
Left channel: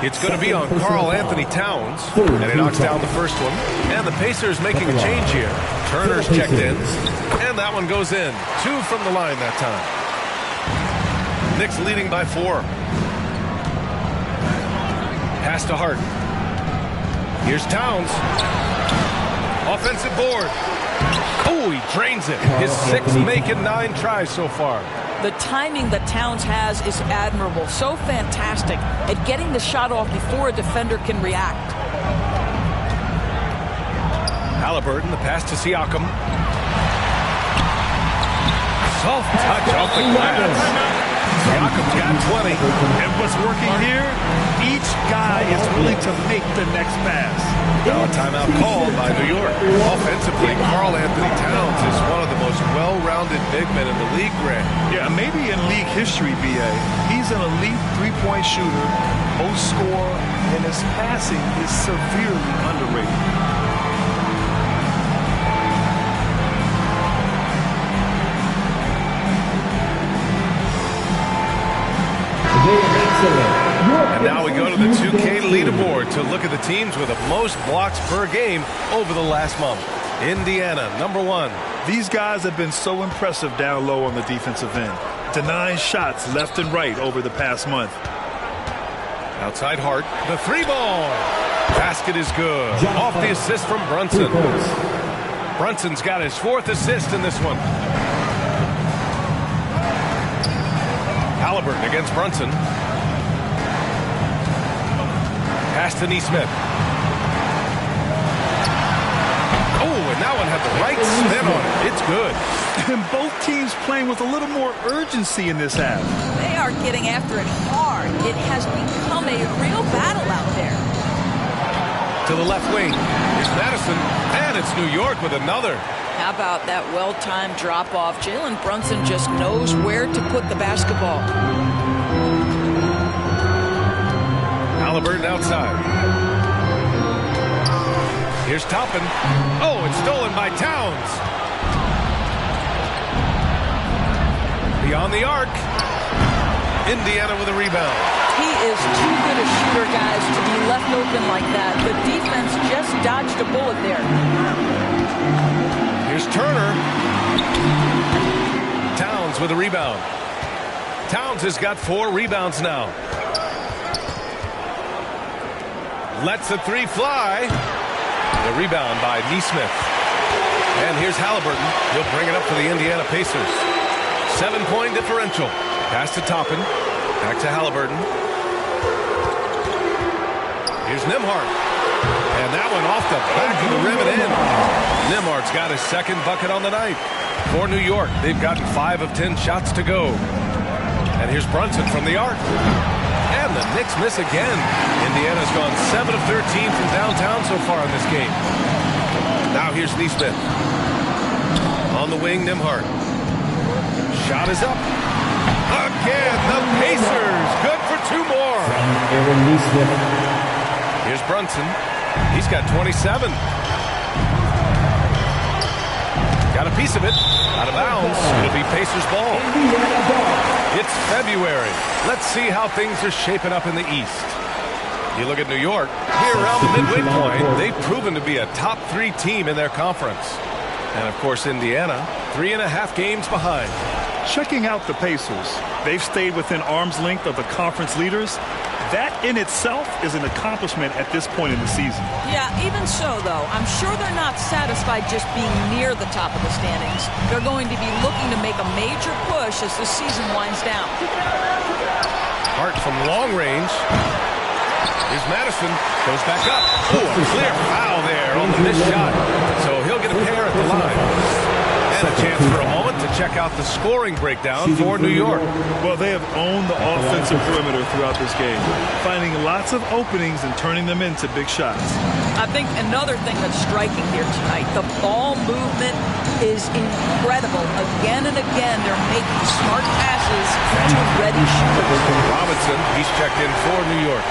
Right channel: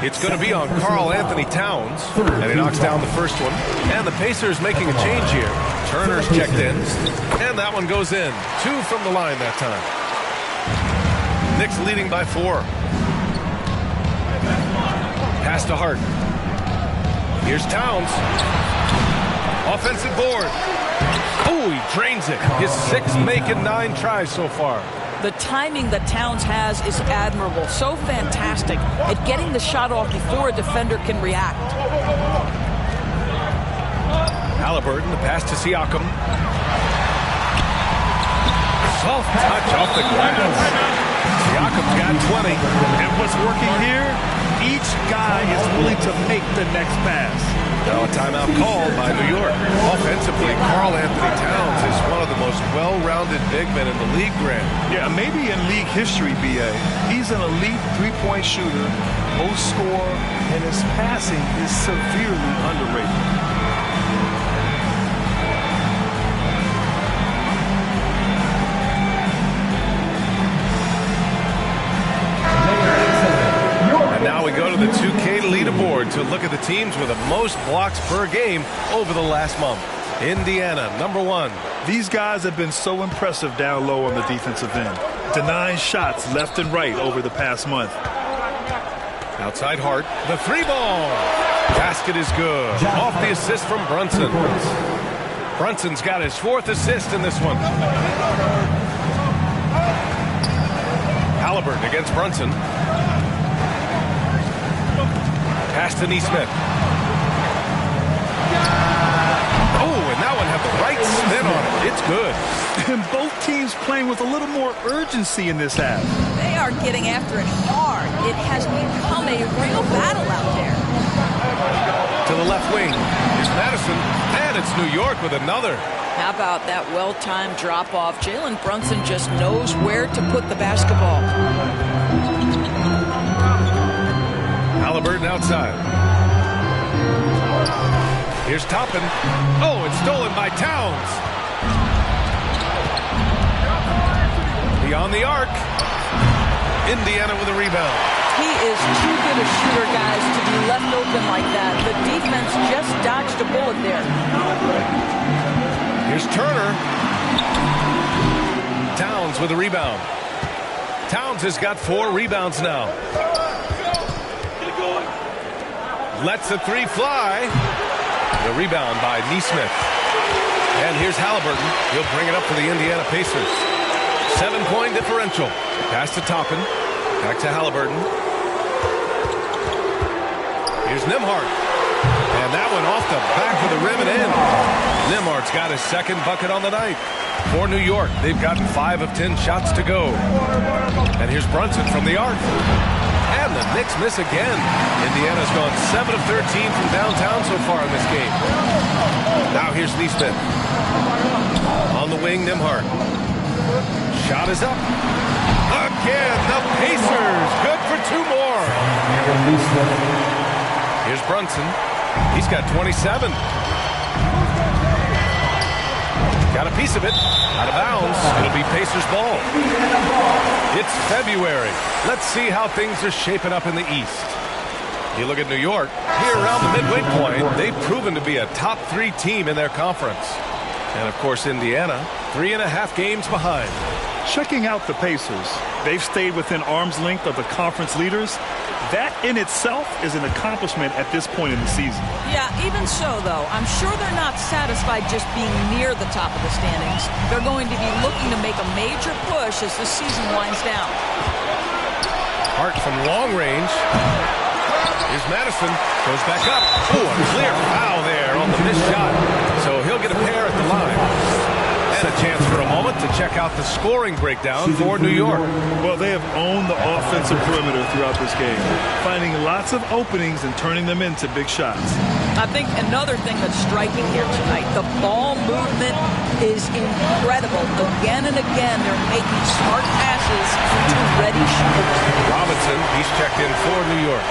It's going to be on Karl Anthony Towns, and he knocks down the first one. And the Pacers making a change here. Turner's checked in, and that one goes in. 2 from the line that time. Knicks leading by 4. Pass to Hart. Here's Towns. Offensive board. Oh, he drains it. His 6th make in 9 tries so far. The timing that Towns has is admirable. So fantastic at getting the shot off before a defender can react. Halliburton, the pass to Siakam. Soft touch off the glass. Siakam's got 20. And what's working here? Each guy is willing to make the next pass. Now a timeout called by New York. Offensively, Karl Anthony Towns is one of the most well-rounded big men in the league, Grant. Yeah, maybe in league history, B.A. He's an elite three-point shooter, most scorer, and his passing is severely underrated. And now we go to the 2K leaderboard to look at the teams with the most blocks per game over the last month. Indiana, number 1. These guys have been so impressive down low on the defensive end, denying shots left and right over the past month. Outside Hart, the 3-ball. Basket is good. Off the assist from Brunson. Brunson's got his 4th assist in this one. Halliburton against Brunson. Pass to Nesmith. Oh, and that one had the right spin on it. It's good. And both teams playing with a little more urgency in this half. They are getting after it hard. It has become a real battle out there. To the left wing is Madison, and it's New York with another. How about that well-timed drop-off? Jalen Brunson just knows where to put the basketball. Halliburton outside. Here's Toppin. Oh, it's stolen by Towns. Beyond the arc. Indiana with a rebound. He is too good a shooter, guys, to be left open like that. The defense just dodged a bullet there. Here's Turner. Towns with a rebound. Towns has got 4 rebounds now. Lets the 3 fly. The rebound by Nesmith. And here's Halliburton. He'll bring it up for the Indiana Pacers. 7-point differential. Pass to Toppin. Back to Halliburton. Here's Nembhard. And that one off the back of the rim and in. Nembhard's got his second bucket on the night. For New York, they've gotten 5 of 10 shots to go. And here's Brunson from the arc. And the Knicks miss again. Indiana's gone 7 of 13 from downtown so far in this game. Now here's Neesmith. On the wing, Nembhard. Shot is up. Again, the Pacers. Good for 2 more. Here's Brunson. He's got 27. Got a piece of it. Out of bounds. It'll be Pacers ball. It's February. Let's see how things are shaping up in the East. You look at New York. Here around the midway point, they've proven to be a top 3 team in their conference. And, of course, Indiana, 3.5 games behind. Checking out the Pacers. They've stayed within arm's length of the conference leaders. That in itself is an accomplishment at this point in the season. Yeah, even so, though, I'm sure they're not satisfied just being near the top of the standings. They're going to be looking to make a major push as the season winds down. Hart from long range. Here's Madison. Goes back up. Oh, a clear foul there on the missed shot. So he'll get a pair at the line. And a chance for a moment to check out the scoring breakdown for New York. Well, they have owned the offensive perimeter throughout this game, finding lots of openings and turning them into big shots. I think another thing that's striking here tonight, the ball movement is incredible. Again and again, they're making smart passes to ready shooters. Robinson, he's checked in for New York.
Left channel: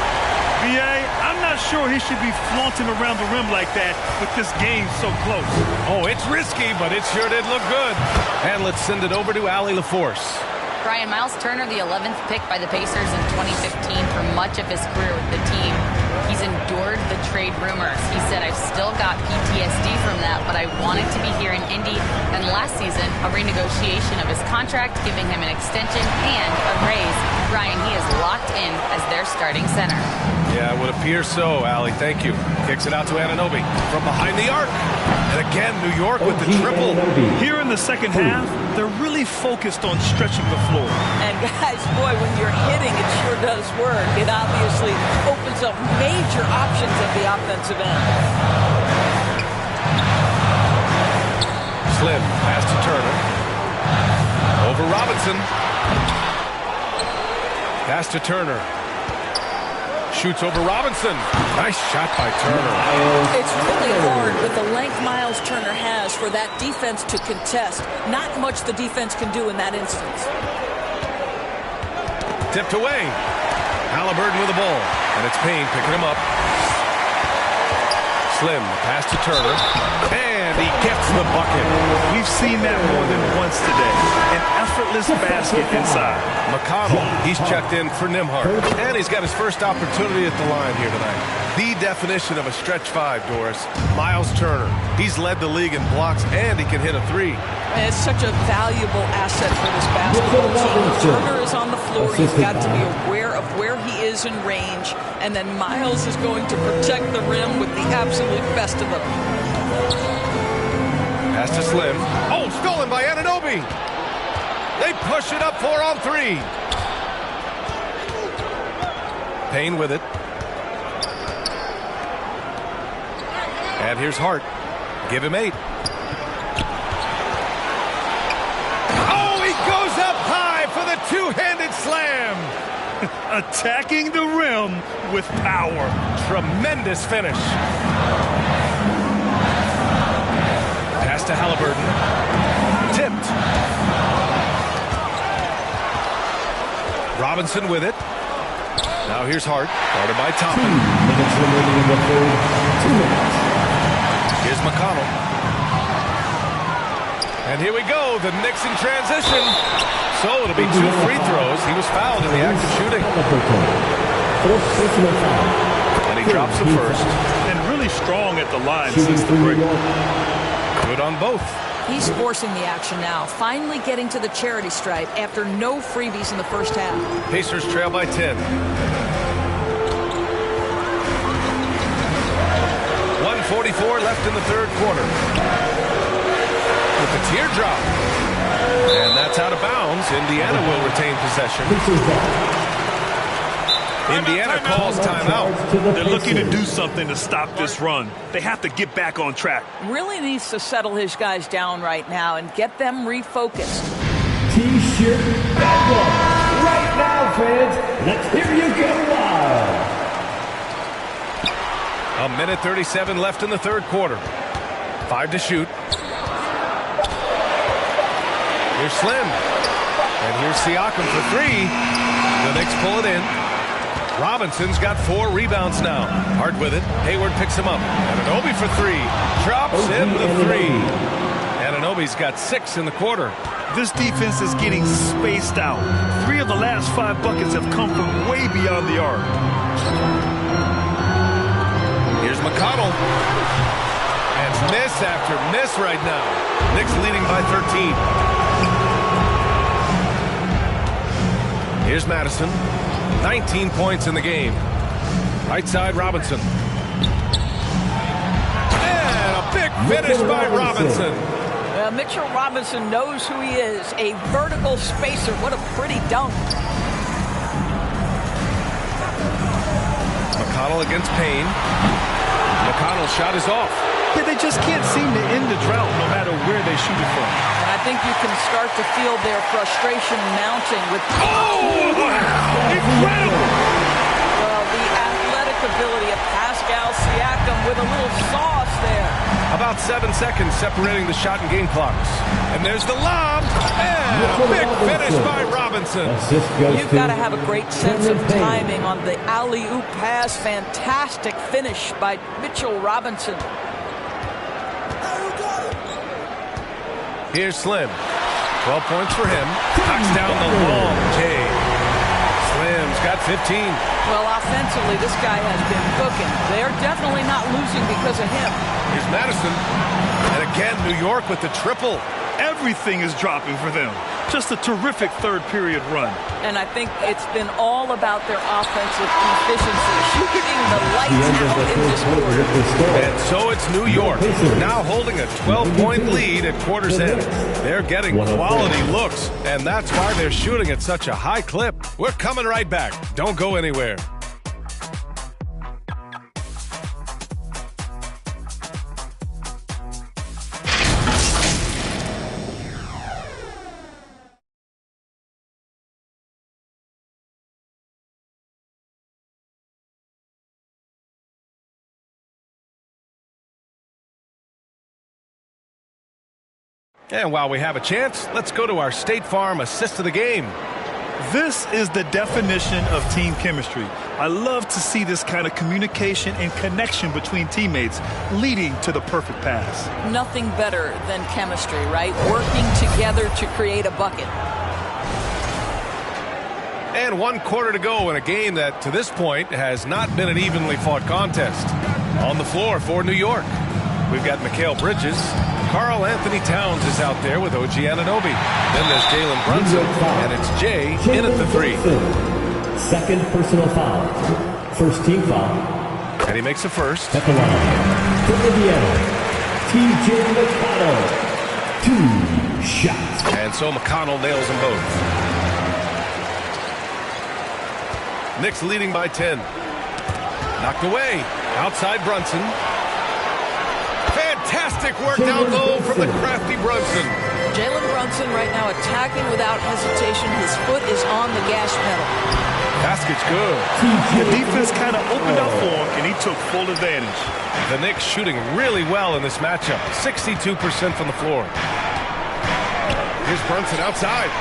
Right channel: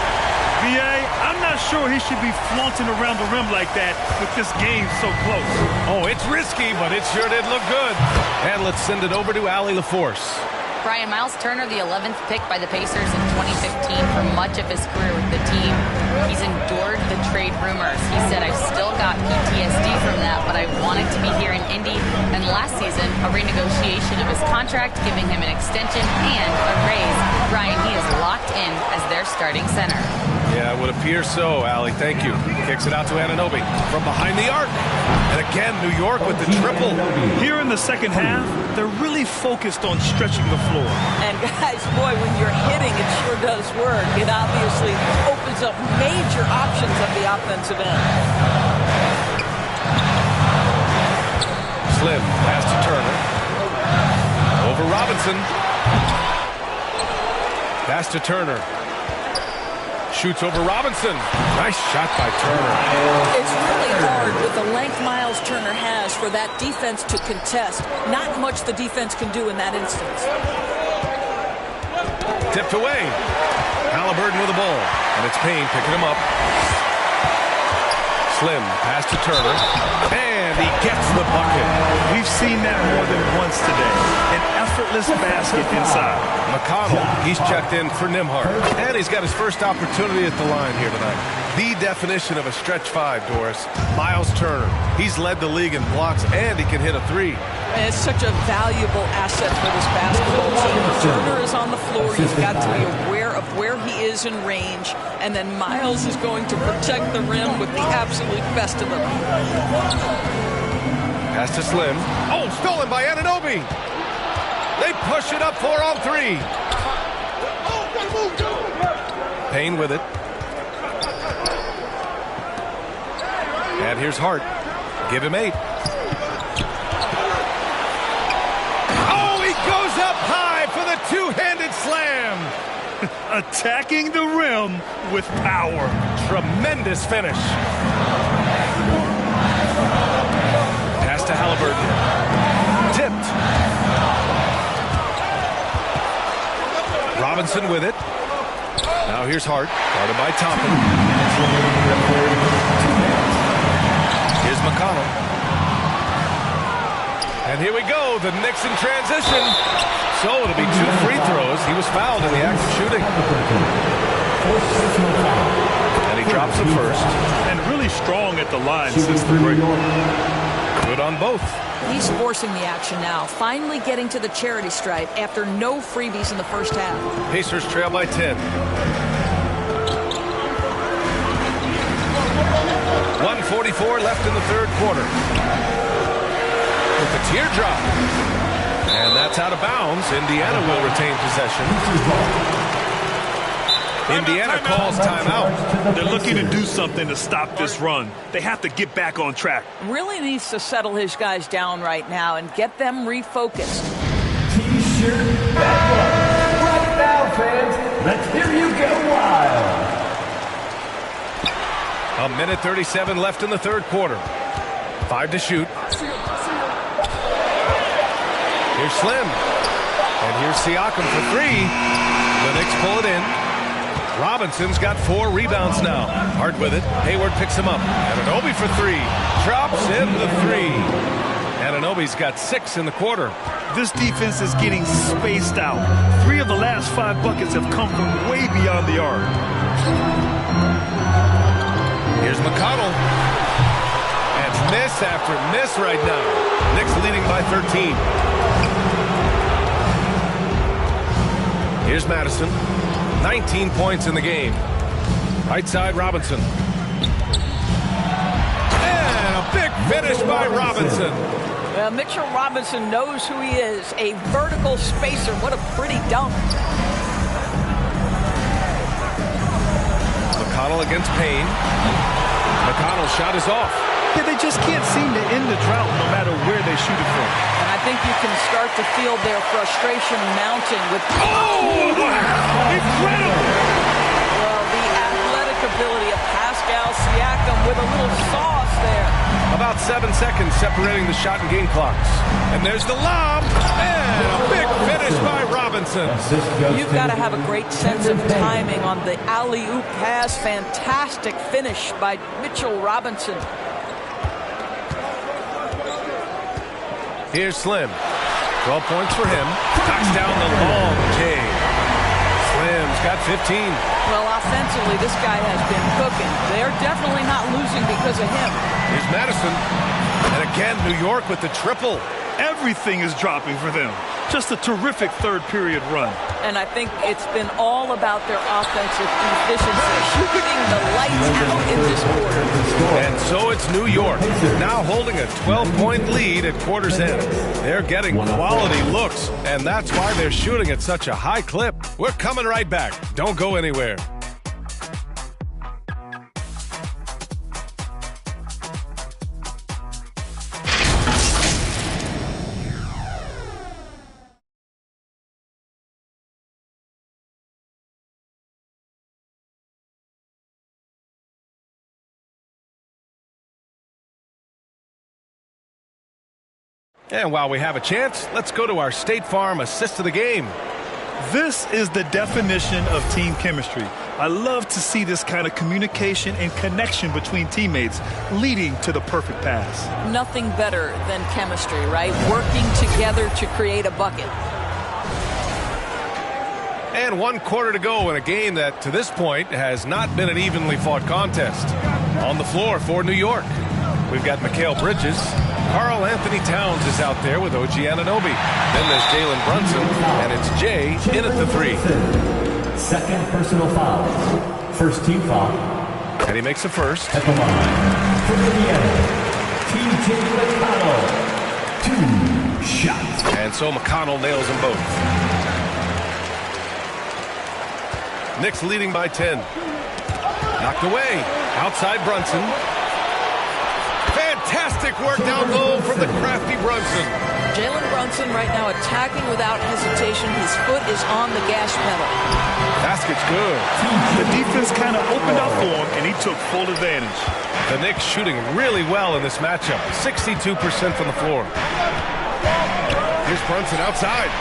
B.A., I'm not sure he should be flaunting around the rim like that with this game so close. Oh, it's risky, but it sure did look good. And let's send it over to Allie LaForce. Brian, Miles Turner, the 11th pick by the Pacers in 2015 for much of his career with the team. He's endured the trade rumors. He said, I've still got PTSD from that, but I wanted to be here in Indy. And last season, a renegotiation of his contract, giving him an extension and a raise. Brian, he is locked in as their starting center. Yeah, it would appear so, Allie. Thank you. Kicks it out to Anunoby from behind the arc. And again, New York with the triple. Here in the second half, they're really focused on stretching the floor. And guys, boy, when you're hitting, it sure does work. It obviously opens up major options at the offensive end. Slim, pass to Turner. Over Robinson. Pass to Turner. Shoots over Robinson. Nice shot by Turner. It's really hard with the length Miles Turner has for that defense to contest. Not much the defense can do in that instance. Tipped away. Halliburton with the ball. And it's Payne picking him up. Slim, pass to Turner. And he gets the bucket. We've seen that more than once today. An effortless basket inside. McConnell, he's checked in for Nembhard. And he's got his first opportunity at the line here tonight. The definition of a stretch 5, Doris. Miles Turner. He's led the league in blocks, and he can hit a 3. It's such a valuable asset for this basketball team. When Turner is on the floor, you've got to be aware of where he is in range, and then Miles is going to protect the rim with the absolute best of them. Pass to Slim. Oh, stolen by Anunoby. They push it up 4-on-3. Payne with it. And here's Hart. Give him 8. Oh, he goes up high for the two-handed slam. Attacking the rim with power. Tremendous finish. Pass to Halliburton. Tipped. Robinson with it. Now here's Hart, guarded by Toppin. 2 minutes remaining in the third. 2 minutes. Here's McConnell. And here we go, the Knicks in transition. So it'll be 2 free throws. He was fouled in the act of shooting. And he drops the first. And really strong at the line since the break. Good on both. He's forcing the action now, finally getting to the charity stripe after no freebies in the first half. Pacers trail by 10. 1:44 left in the third quarter. With the teardrop. And that's out of bounds. Indiana will retain possession. Indiana calls timeout. They're looking to do something to stop this run. They have to get back on track. Really needs to settle his guys down right now and get them refocused. T-shirt battle right now, fans. Let's hear you go wild. A minute 37 left in the third quarter. 5 to shoot. Here's Slim. And here's Siakam for 3. The Knicks pull it in. Robinson's got 4 rebounds now. Hard with it. Hayward picks him up. Anunoby for 3. Drops in the 3. Anunoby's got 6 in the quarter. This defense is getting spaced out. 3 of the last 5 buckets have come from way beyond the arc. Here's McConnell. And miss after miss right now. Knicks leading by 13. Here's Madison. 19 points in the game. Right side, Robinson. And a big finish by Robinson. Mitchell Robinson knows who he is. A vertical spacer. What a pretty dunk. McConnell against Payne. McConnell's shot is off. Yeah, they just can't seem to end the drought no matter where they shoot it from. And I think you can start to feel their frustration mounting with... Oh, wow! Incredible! Well, the athletic ability of Pascal Siakam with a little sauce there. About 7 seconds separating the shot and game clocks. And there's the lob. And a big finish by Robinson. You've got to have a great sense of timing on the alley-oop pass. Fantastic finish by Mitchell Robinson. Here's Slim. 12 points for him. Knocks down the long J. Slim's got 15. Well, offensively, this guy has been cooking. They're definitely not losing because of him. Here's Madison. And again, New York with the triple. Everything is dropping for them. Just a terrific third period run. And I think it's been all about their offensive efficiency, shooting the lights out in this quarter. And so it's New York, now holding a 12-point lead at quarter's end. They're getting quality looks, and that's why they're shooting at such a high clip. We're coming right back. Don't go anywhere. And while we have a chance, let's go to our State Farm assist of the game. This is the definition of team chemistry. I love to see this kind of communication and connection between teammates leading to the perfect pass. Nothing better than chemistry, right? Working together to create a bucket. And 1 quarter to go in a game that, to this point, has not been an evenly fought contest. On the floor for New York, we've got Mikal Bridges. Karl Anthony Towns is out there with OG Anunoby. Then there's Jalen Brunson, and it's Jay in at the 3. Second personal foul. First team foul. And he makes a first. At the line. For Indiana, TJ McConnell. 2 shots. And so McConnell nails them both. Knicks leading by 10. Knocked away. Outside Brunson. Fantastic work down low from the crafty Brunson. Jalen Brunson right now attacking without hesitation. His foot is on the gas pedal. Basket's good. The defense kind of opened up for him, and he took full advantage. The Knicks shooting really well in this matchup. 62% from the floor. Here's Brunson outside.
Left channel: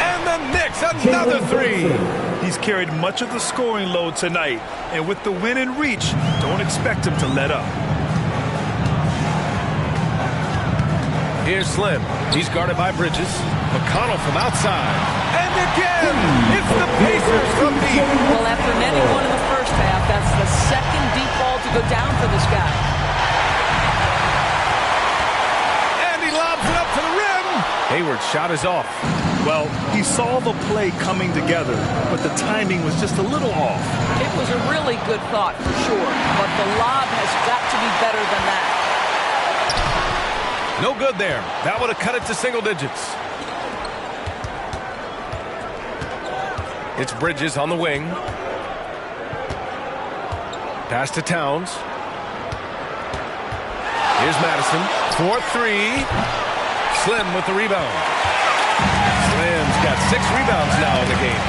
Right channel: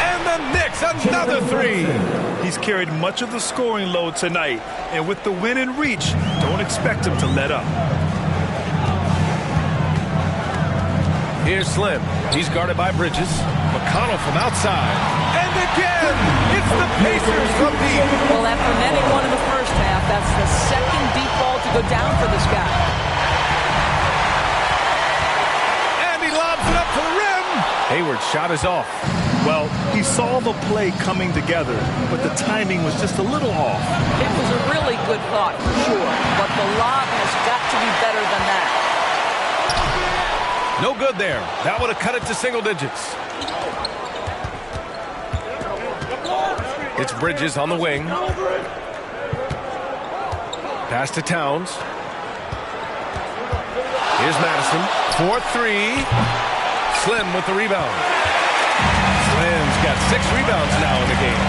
And the Knicks, another 3. He's carried much of the scoring load tonight, and with the win in reach, don't expect him to let up. Here's Slim. He's guarded by Bridges. McConnell from outside. And again, it's the Pacers from deep. Well, after netting one in the first half, that's the second deep ball to go down for this guy. And he lobs it up to the rim. Hayward's shot is off. Well, he saw the play coming together, but the timing was just a little off. It was a really good thought for sure, but the lob has got to be better than that. No good there. That would have cut it to single digits. It's Bridges on the wing. Pass to Towns. Here's Madison. 4-3. Slim with the rebound. Slim's got 6 rebounds now in the game.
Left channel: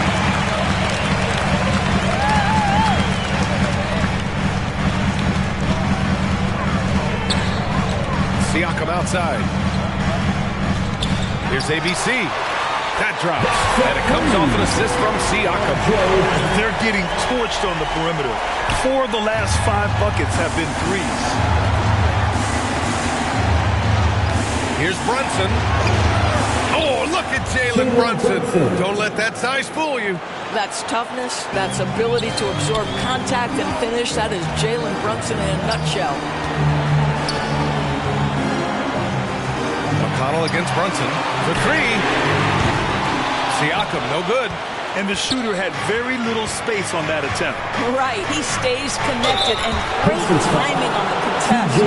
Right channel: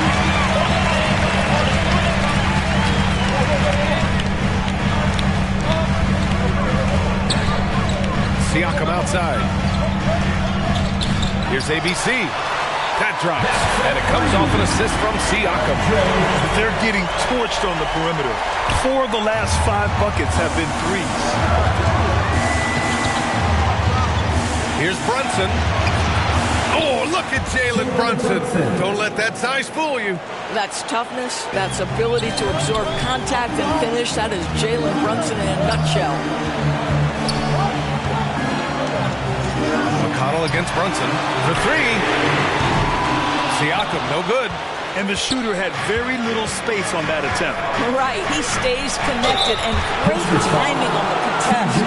Siakam outside. Here's ABC. That drops, and it comes off an assist from Siakam. They're getting torched on the perimeter. 4 of the last 5 buckets have been threes. Here's Brunson. Oh, look at Jalen Brunson. Don't let that size fool you. That's toughness. That's ability to absorb contact and finish. That is Jalen Brunson in a nutshell. McConnell against Brunson for 3. Siakam, no good. And the shooter had very little space on that attempt. Right, he stays connected and great timing on the contest.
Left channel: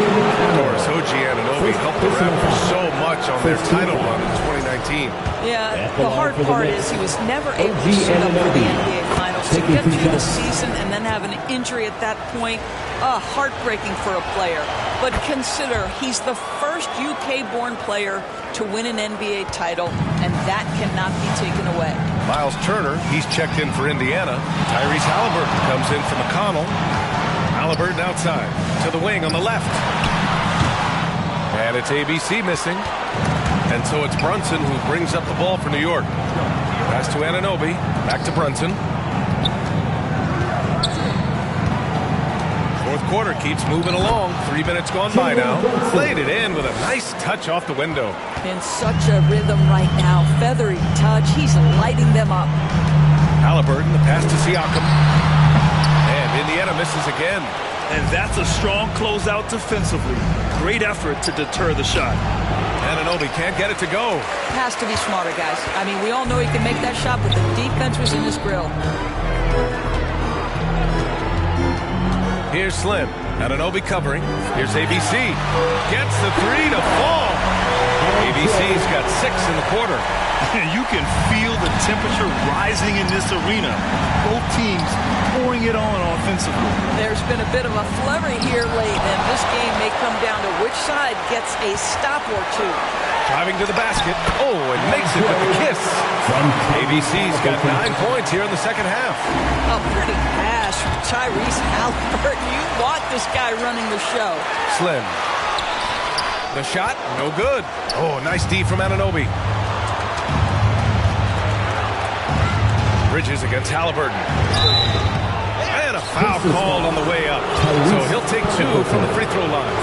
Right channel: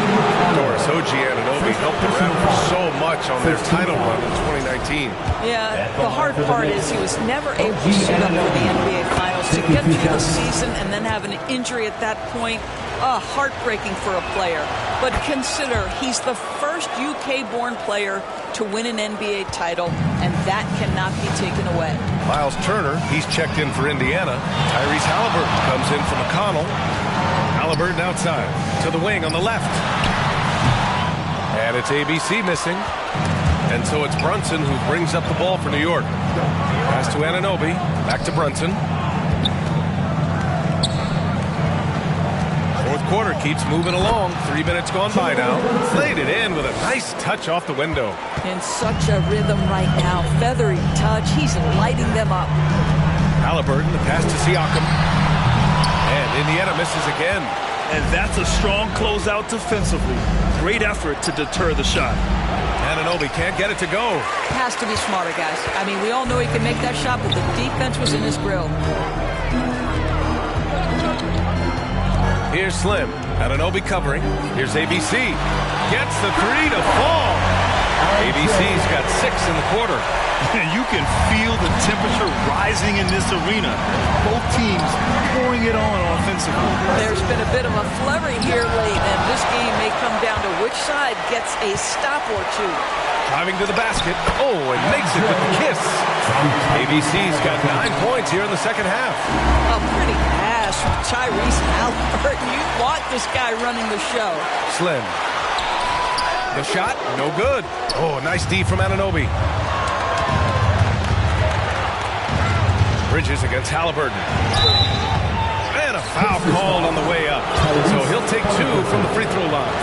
Doris Anunoby helped the Raptors so much on their title run in 2019. Yeah, the hard part is he was never able to suit up for the NBA Finals. To get through the season and then have an injury at that point, heartbreaking for a player. But consider, he's the first UK-born player to win an NBA title, and that cannot be taken away. Miles Turner, he's checked in for Indiana. Tyrese Halliburton comes in for McConnell. Halliburton outside to the wing on the left. And it's ABC missing. And so it's Brunson who brings up the ball for New York. Pass to Anunoby. Back to Brunson. Fourth quarter keeps moving along. 3 minutes gone by now. Played it in with a nice touch off the window. In such a rhythm right now. Feathery touch. He's lighting them up. Halliburton, the pass to Siakam. And Indiana misses again. And that's a strong closeout defensively. Great effort to deter the shot. Anunoby can't get it to go. Has to be smarter, guys. I mean, we all know he can make that shot, but the defense was in his grill. Here's Slim. Anunoby covering. Here's ABC. Gets the 3 to fall. ABC's got 6 in the quarter. You can feel the temperature rising in this arena. Both teams pouring it on offensively. There's been a bit of a flurry here late, and this game may come down to which side gets a stop or 2. Driving to the basket. Oh, and makes it with the kiss. ABC's got 9 points here in the second half. A pretty pass from Tyrese Halliburton. You want this guy running the show. Slim. The shot, no good. Oh, nice D from Anunoby. Bridges against Halliburton. And a foul called on the way up. So he'll take 2 from the free throw line.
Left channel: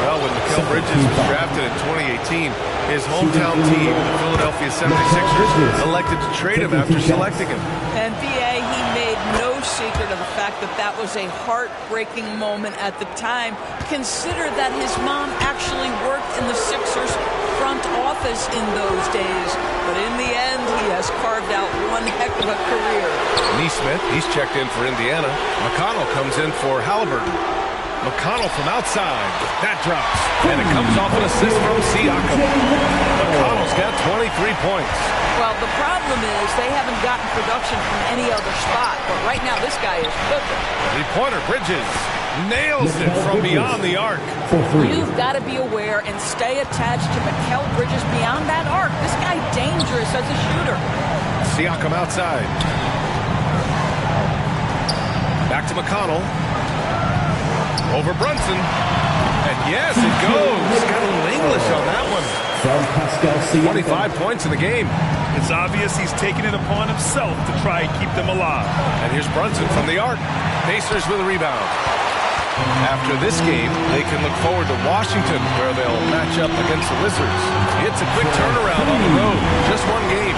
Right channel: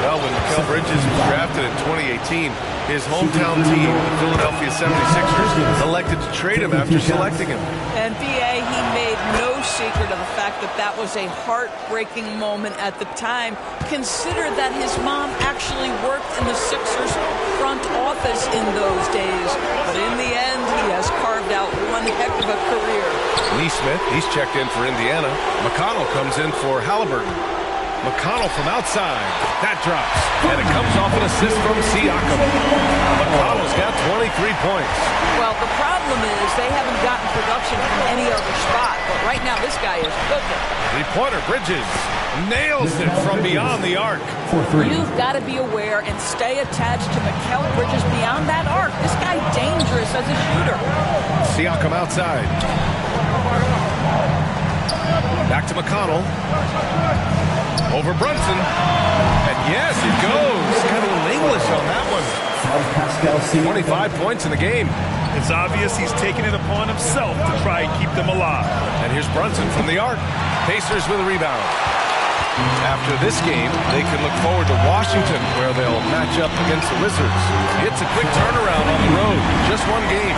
Well, when Mikal Bridges was drafted in 2018, his hometown team, the Philadelphia 76ers, elected to trade him after selecting him. And B.A., he made no secret of the fact that that was a heartbreaking moment at the time. Consider that his mom actually worked in the Sixers front office in those days. But in the end, he has carved out one heck of a career. Neesmith, he's checked in for Indiana. McConnell comes in for Halliburton. McConnell from outside. That drops. And it comes off an assist from Siakam. McConnell's got 23 points. Well, the problem is they haven't gotten production from any other spot. But right now, this guy is cooking. Three-pointer Bridges nails it from beyond the arc. You've got to be aware and stay attached to Mikal Bridges beyond that arc. This guy dangerous as a shooter. Siakam outside. Back to McConnell. Over Brunson. And yes, it goes. Got a little English on that one. 25 points in the game. It's obvious he's taking it upon himself to try and keep them alive. And here's Brunson from the arc. Pacers with a rebound. After this game, they can look forward to Washington, where they'll match up against the Wizards. It's a quick turnaround on the road. Just one game.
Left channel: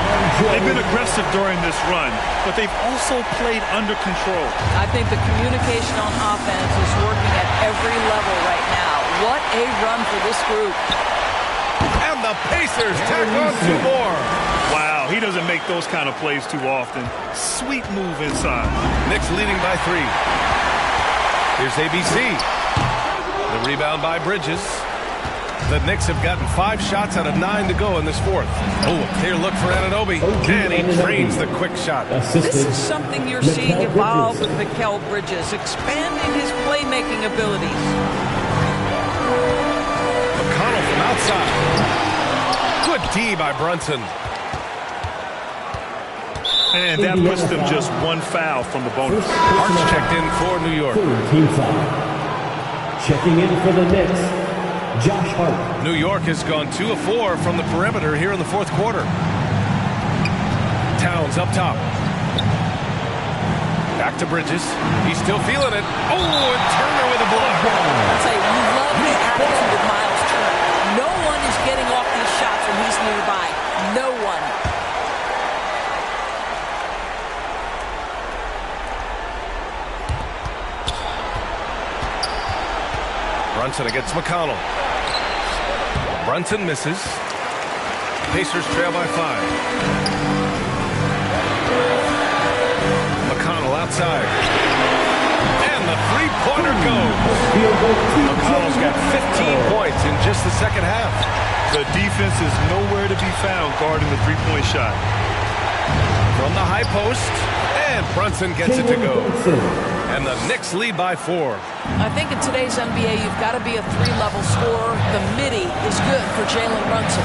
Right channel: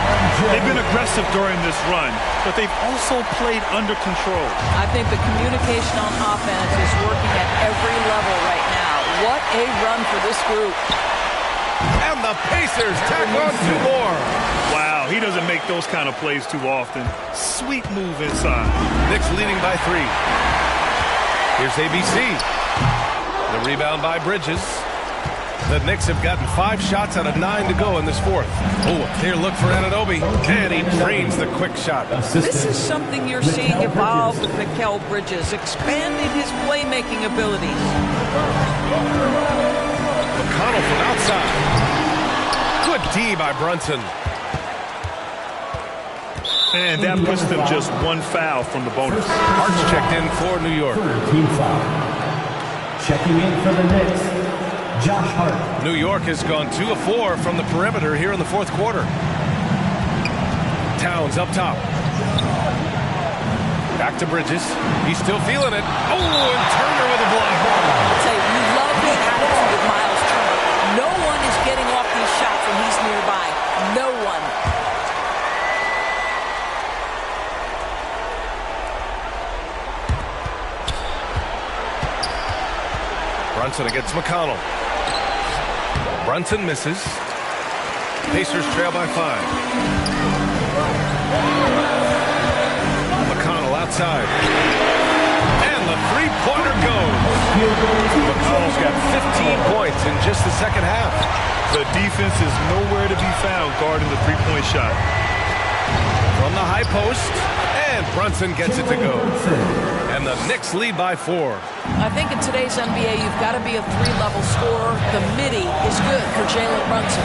They've been aggressive during this run, but they've also played under control. I think the communication on offense is working at every level right now. What a run for this group. And the Pacers tack on 2 more. Wow, he doesn't make those kind of plays too often. Sweet move inside. Knicks leading by 3. Here's ABC. The rebound by Bridges. The Knicks have gotten 5 shots out of 9 to go in this fourth. Oh, a clear look for Anunoby. And he drains the quick shot. This is something you're seeing evolve with Mikal Bridges, expanding his playmaking abilities. McConnell from outside. Good D by Brunson. And that puts them just 1 foul from the bonus. Hart's checked in for New York. Team foul. Checking in for the Knicks, Josh Hart. New York has gone 2 of 4 from the perimeter here in the fourth quarter. Towns up top. Back to Bridges. He's still feeling it. Oh, and Turner with a block. I'll tell you, you love the attitude of Miles Turner. No one is getting off these shots when he's nearby. No one. Brunson against McConnell. Brunson misses. Pacers trail by 5. McConnell outside. And the three-pointer goes. McConnell's got 15 points in just the second half. The defense is nowhere to be found guarding the three-point shot. From the high post. And Brunson gets it to go. And the Knicks lead by 4. I think in today's NBA, you've got to be a 3-level scorer. The midi is good for Jalen Brunson.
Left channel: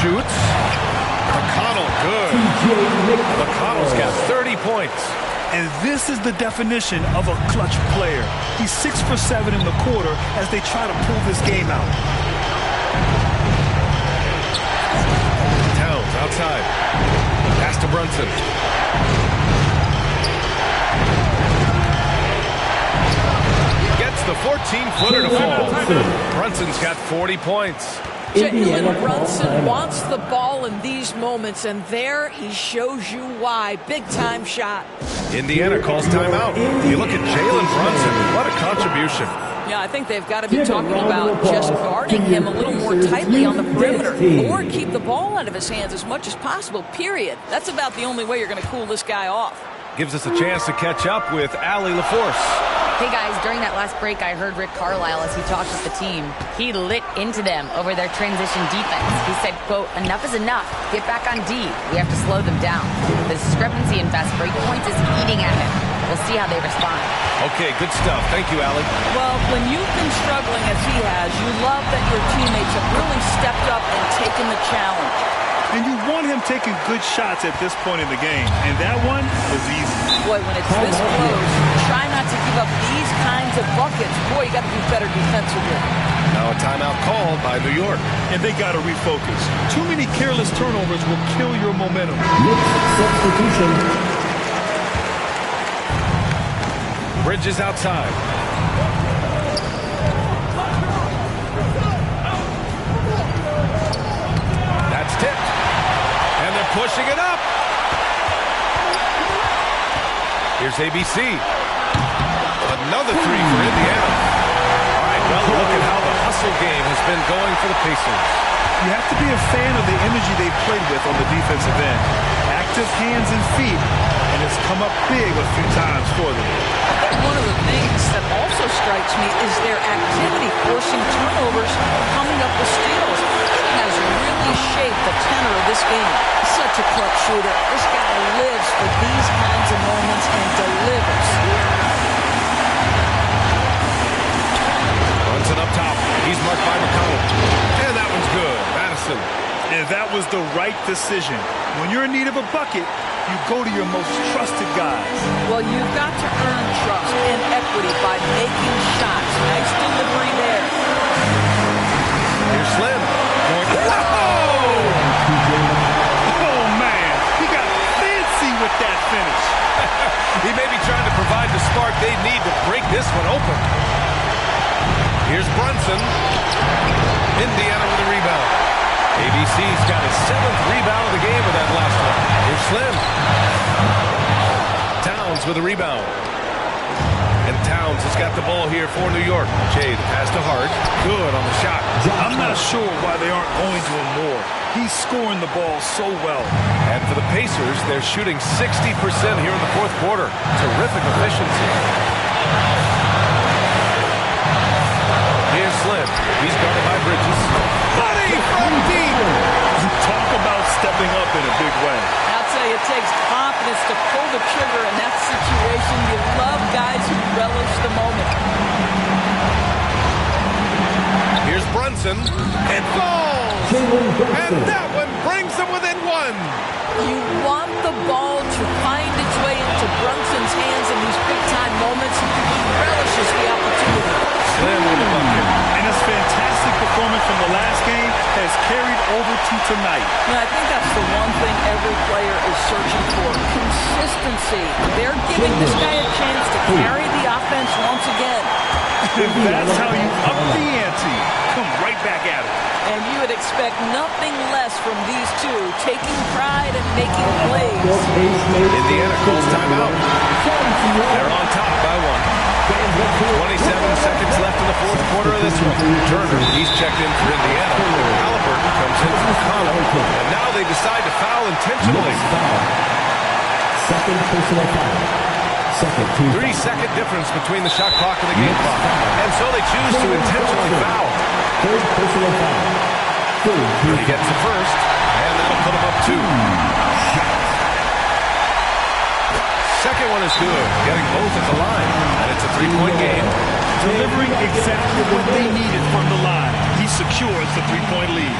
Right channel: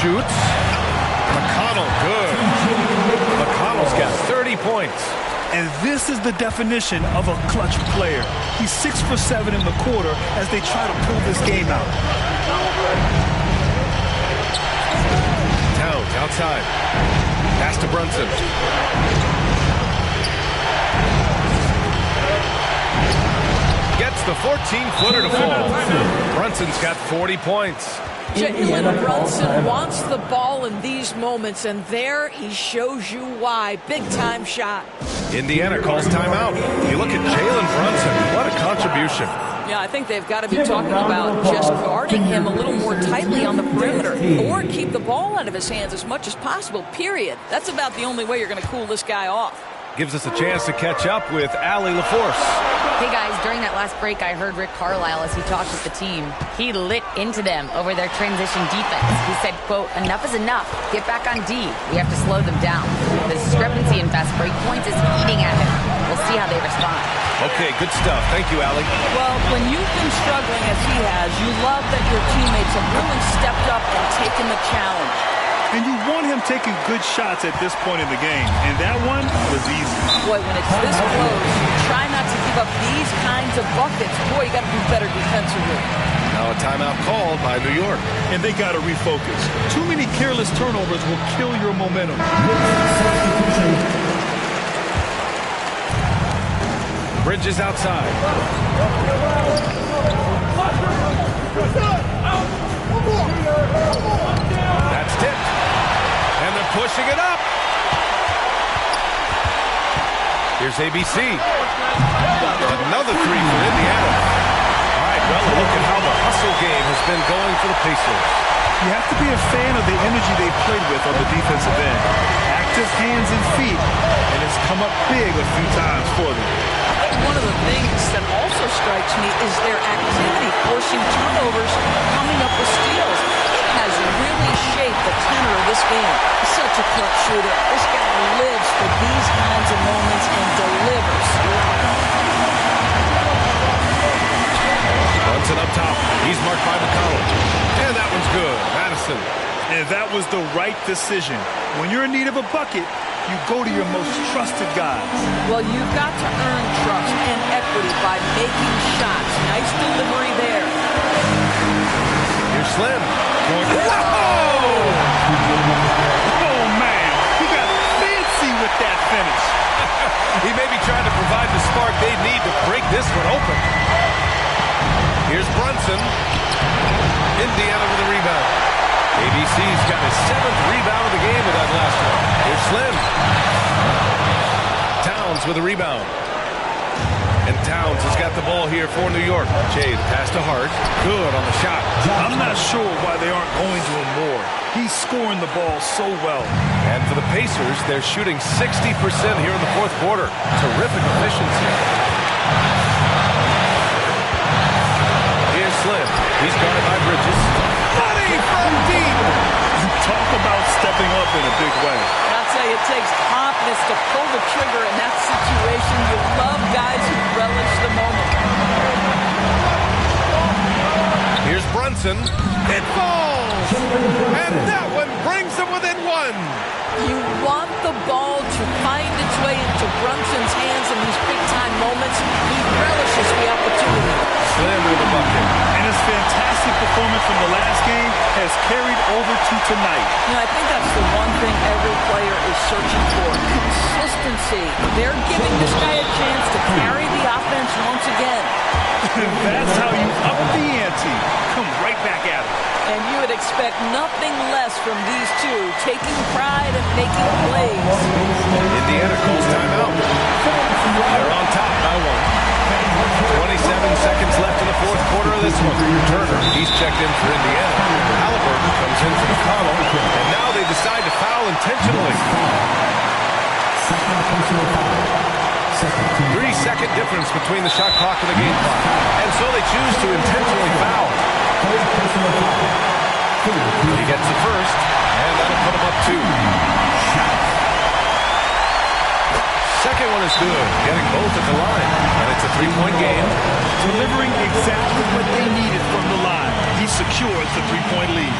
Shoots. McConnell, good. McConnell's got 30 points. And this is the definition of a clutch player. He's 6 for 7 in the quarter as they try to pull this game out. Towns outside. Pass to Brunson. Gets the 14-footer to fall. Brunson's got 40 points. Jalen Brunson wants the ball in these moments, and there he shows you why. Big-time shot. Indiana calls timeout. You look at Jalen Brunson. What a contribution. Yeah, I think they've got to be talking about just guarding him a little more tightly on the perimeter or keep the ball out of his hands as much as possible, period. That's about the only way you're going to cool this guy off. Gives us a chance to catch up with Allie LaForce. Hey guys, during that last break, I heard Rick Carlisle as he talked with the team. He lit into them over their transition defense. He said, quote, "Enough is enough. Get back on D. We have to slow them down. The discrepancy in fast break points is eating at him. We'll see how they respond." Okay, good stuff. Thank you, Allie. Well, when you've been struggling as he has, you love that your teammates have really stepped up and taken the challenge. And you want him taking good shots at this point in the game. And that one was easy. Boy, when it's this close, try not to give up these kinds of buckets. Boy, you got to do better defensively. Now a timeout called by New York. And they got to refocus. Too many careless turnovers will kill your momentum. Substitution. Bridges outside. That's tipped. And they're pushing it up. Here's ABC. Another 3 for Indiana. All right, well, look at how the hustle game has been going for the Pacers. You have to be a fan of the energy they played with on the defensive end. Active hands and feet, and it's come up big a few times for them. I think one of the things that also strikes me is their activity, forcing turnovers, coming up with steals. It has really shaped the tenor of this game. Such a clutch shooter. This guy lives for these kinds of moments and delivers. Brunson up top. He's marked by McConnell. And that one's good. Madison. And that was the right decision. When you're in need of a bucket, you go to your most trusted guys. Well, you've got to earn trust and equity by making shots. Nice delivery there. Here's Slim. Going. Whoa! Oh, man. He got fancy with that finish. He may be trying to provide the spark they need to break this one open. Here's Brunson. Indiana with a rebound. ABC's got his 7th rebound of the game with that last one. Here's Slim. Towns with a rebound. And Towns has got the ball here for New York. Jay, the pass to Hart. Good on the shot. I'm not sure why they aren't going to him more. He's scoring the ball so well. And for the Pacers, they're shooting 60% here in the fourth quarter. Terrific efficiency. Here's Slim. He's guarded by Bridges. Money from deep. Talk about stepping up in a big way. I'll tell you, it takes confidence to pull the trigger in that situation. You love guys who relish the moment. Here's Brunson. It falls! And that one brings them within one. You want the ball to find its way into Brunson's hands in these big-time moments. He relishes the opportunity. Slim with the bucket. And his fantastic performance from the last game has carried over to tonight. Now, I think that's the one thing every player is searching for. Consistency. They're giving this guy a chance to carry the offense once again. That's how you up the ante. Come right back at it. And you would expect nothing less from these two, taking pride and making plays. Indiana calls timeout. They're on top by one. 27 seconds left in the fourth quarter of this one. Turner, he's checked in for Indiana. Halliburton comes in for McConnell. And now they decide to foul intentionally. Second personal foul. 3-second difference between the shot clock and the game clock. And so they choose to intentionally foul. Third personal foul. He gets the first, and that'll put him up 2. Second one is good, getting both at the line. And it's a 3-point game. Delivering exactly what they needed from the line. He secures the 3-point lead.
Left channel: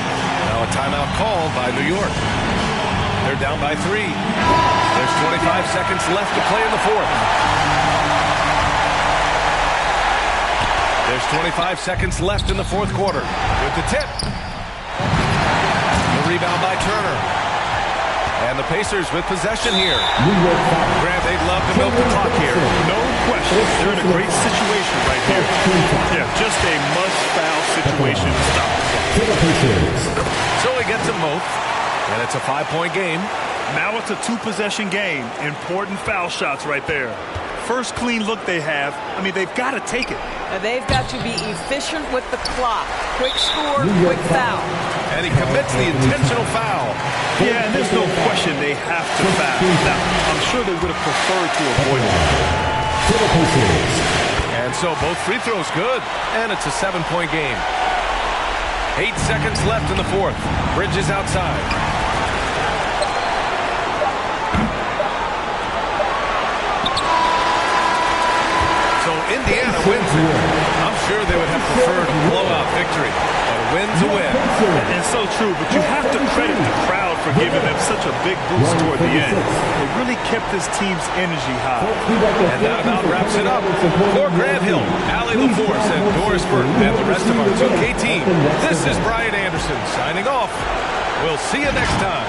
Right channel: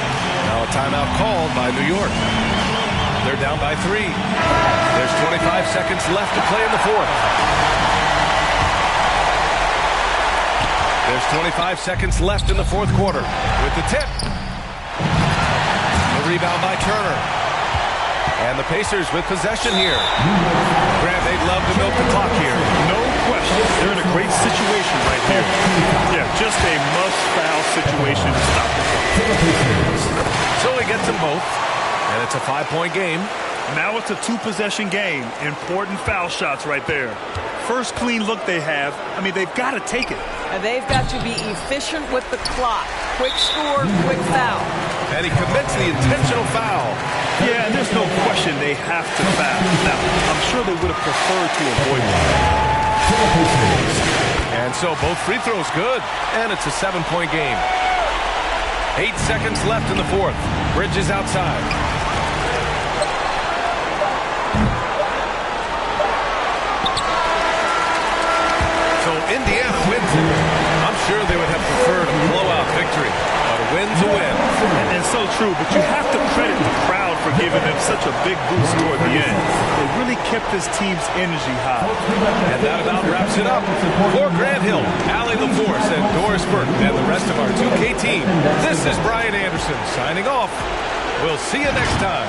Now a timeout called by New York. They're down by 3. There's 25 seconds left to play in the fourth. There's 25 seconds left in the fourth quarter. With the tip. The rebound by Turner. And the Pacers with possession here. Grant, they'd love to milk the clock here. No question. They're in a great situation right here. Yeah, just a must-foul situation to stop the clock. So he gets them both. And it's a 5-point game. Now it's a 2-possession game. Important foul shots right there. First clean look they have. I mean, they've got to take it. And they've got to be efficient with the clock. Quick score, quick foul. And he commits the intentional foul. Yeah, and there's no question they have to foul. Now, I'm sure they would have preferred to avoid it. And so both free throws good. And it's a 7-point game. 8 seconds left in the fourth. Bridges outside. So Indiana wins it. I'm sure they would have preferred a blowout victory, but a win's a win. And so true, but you have to credit the crowd for giving them such a big boost toward the end. They really kept this team's energy high. And that about wraps it up. For Grant Hill, Allie LaForce, and Doris Burke, and the rest of our 2K team, this is Brian Anderson signing off. We'll see you next time.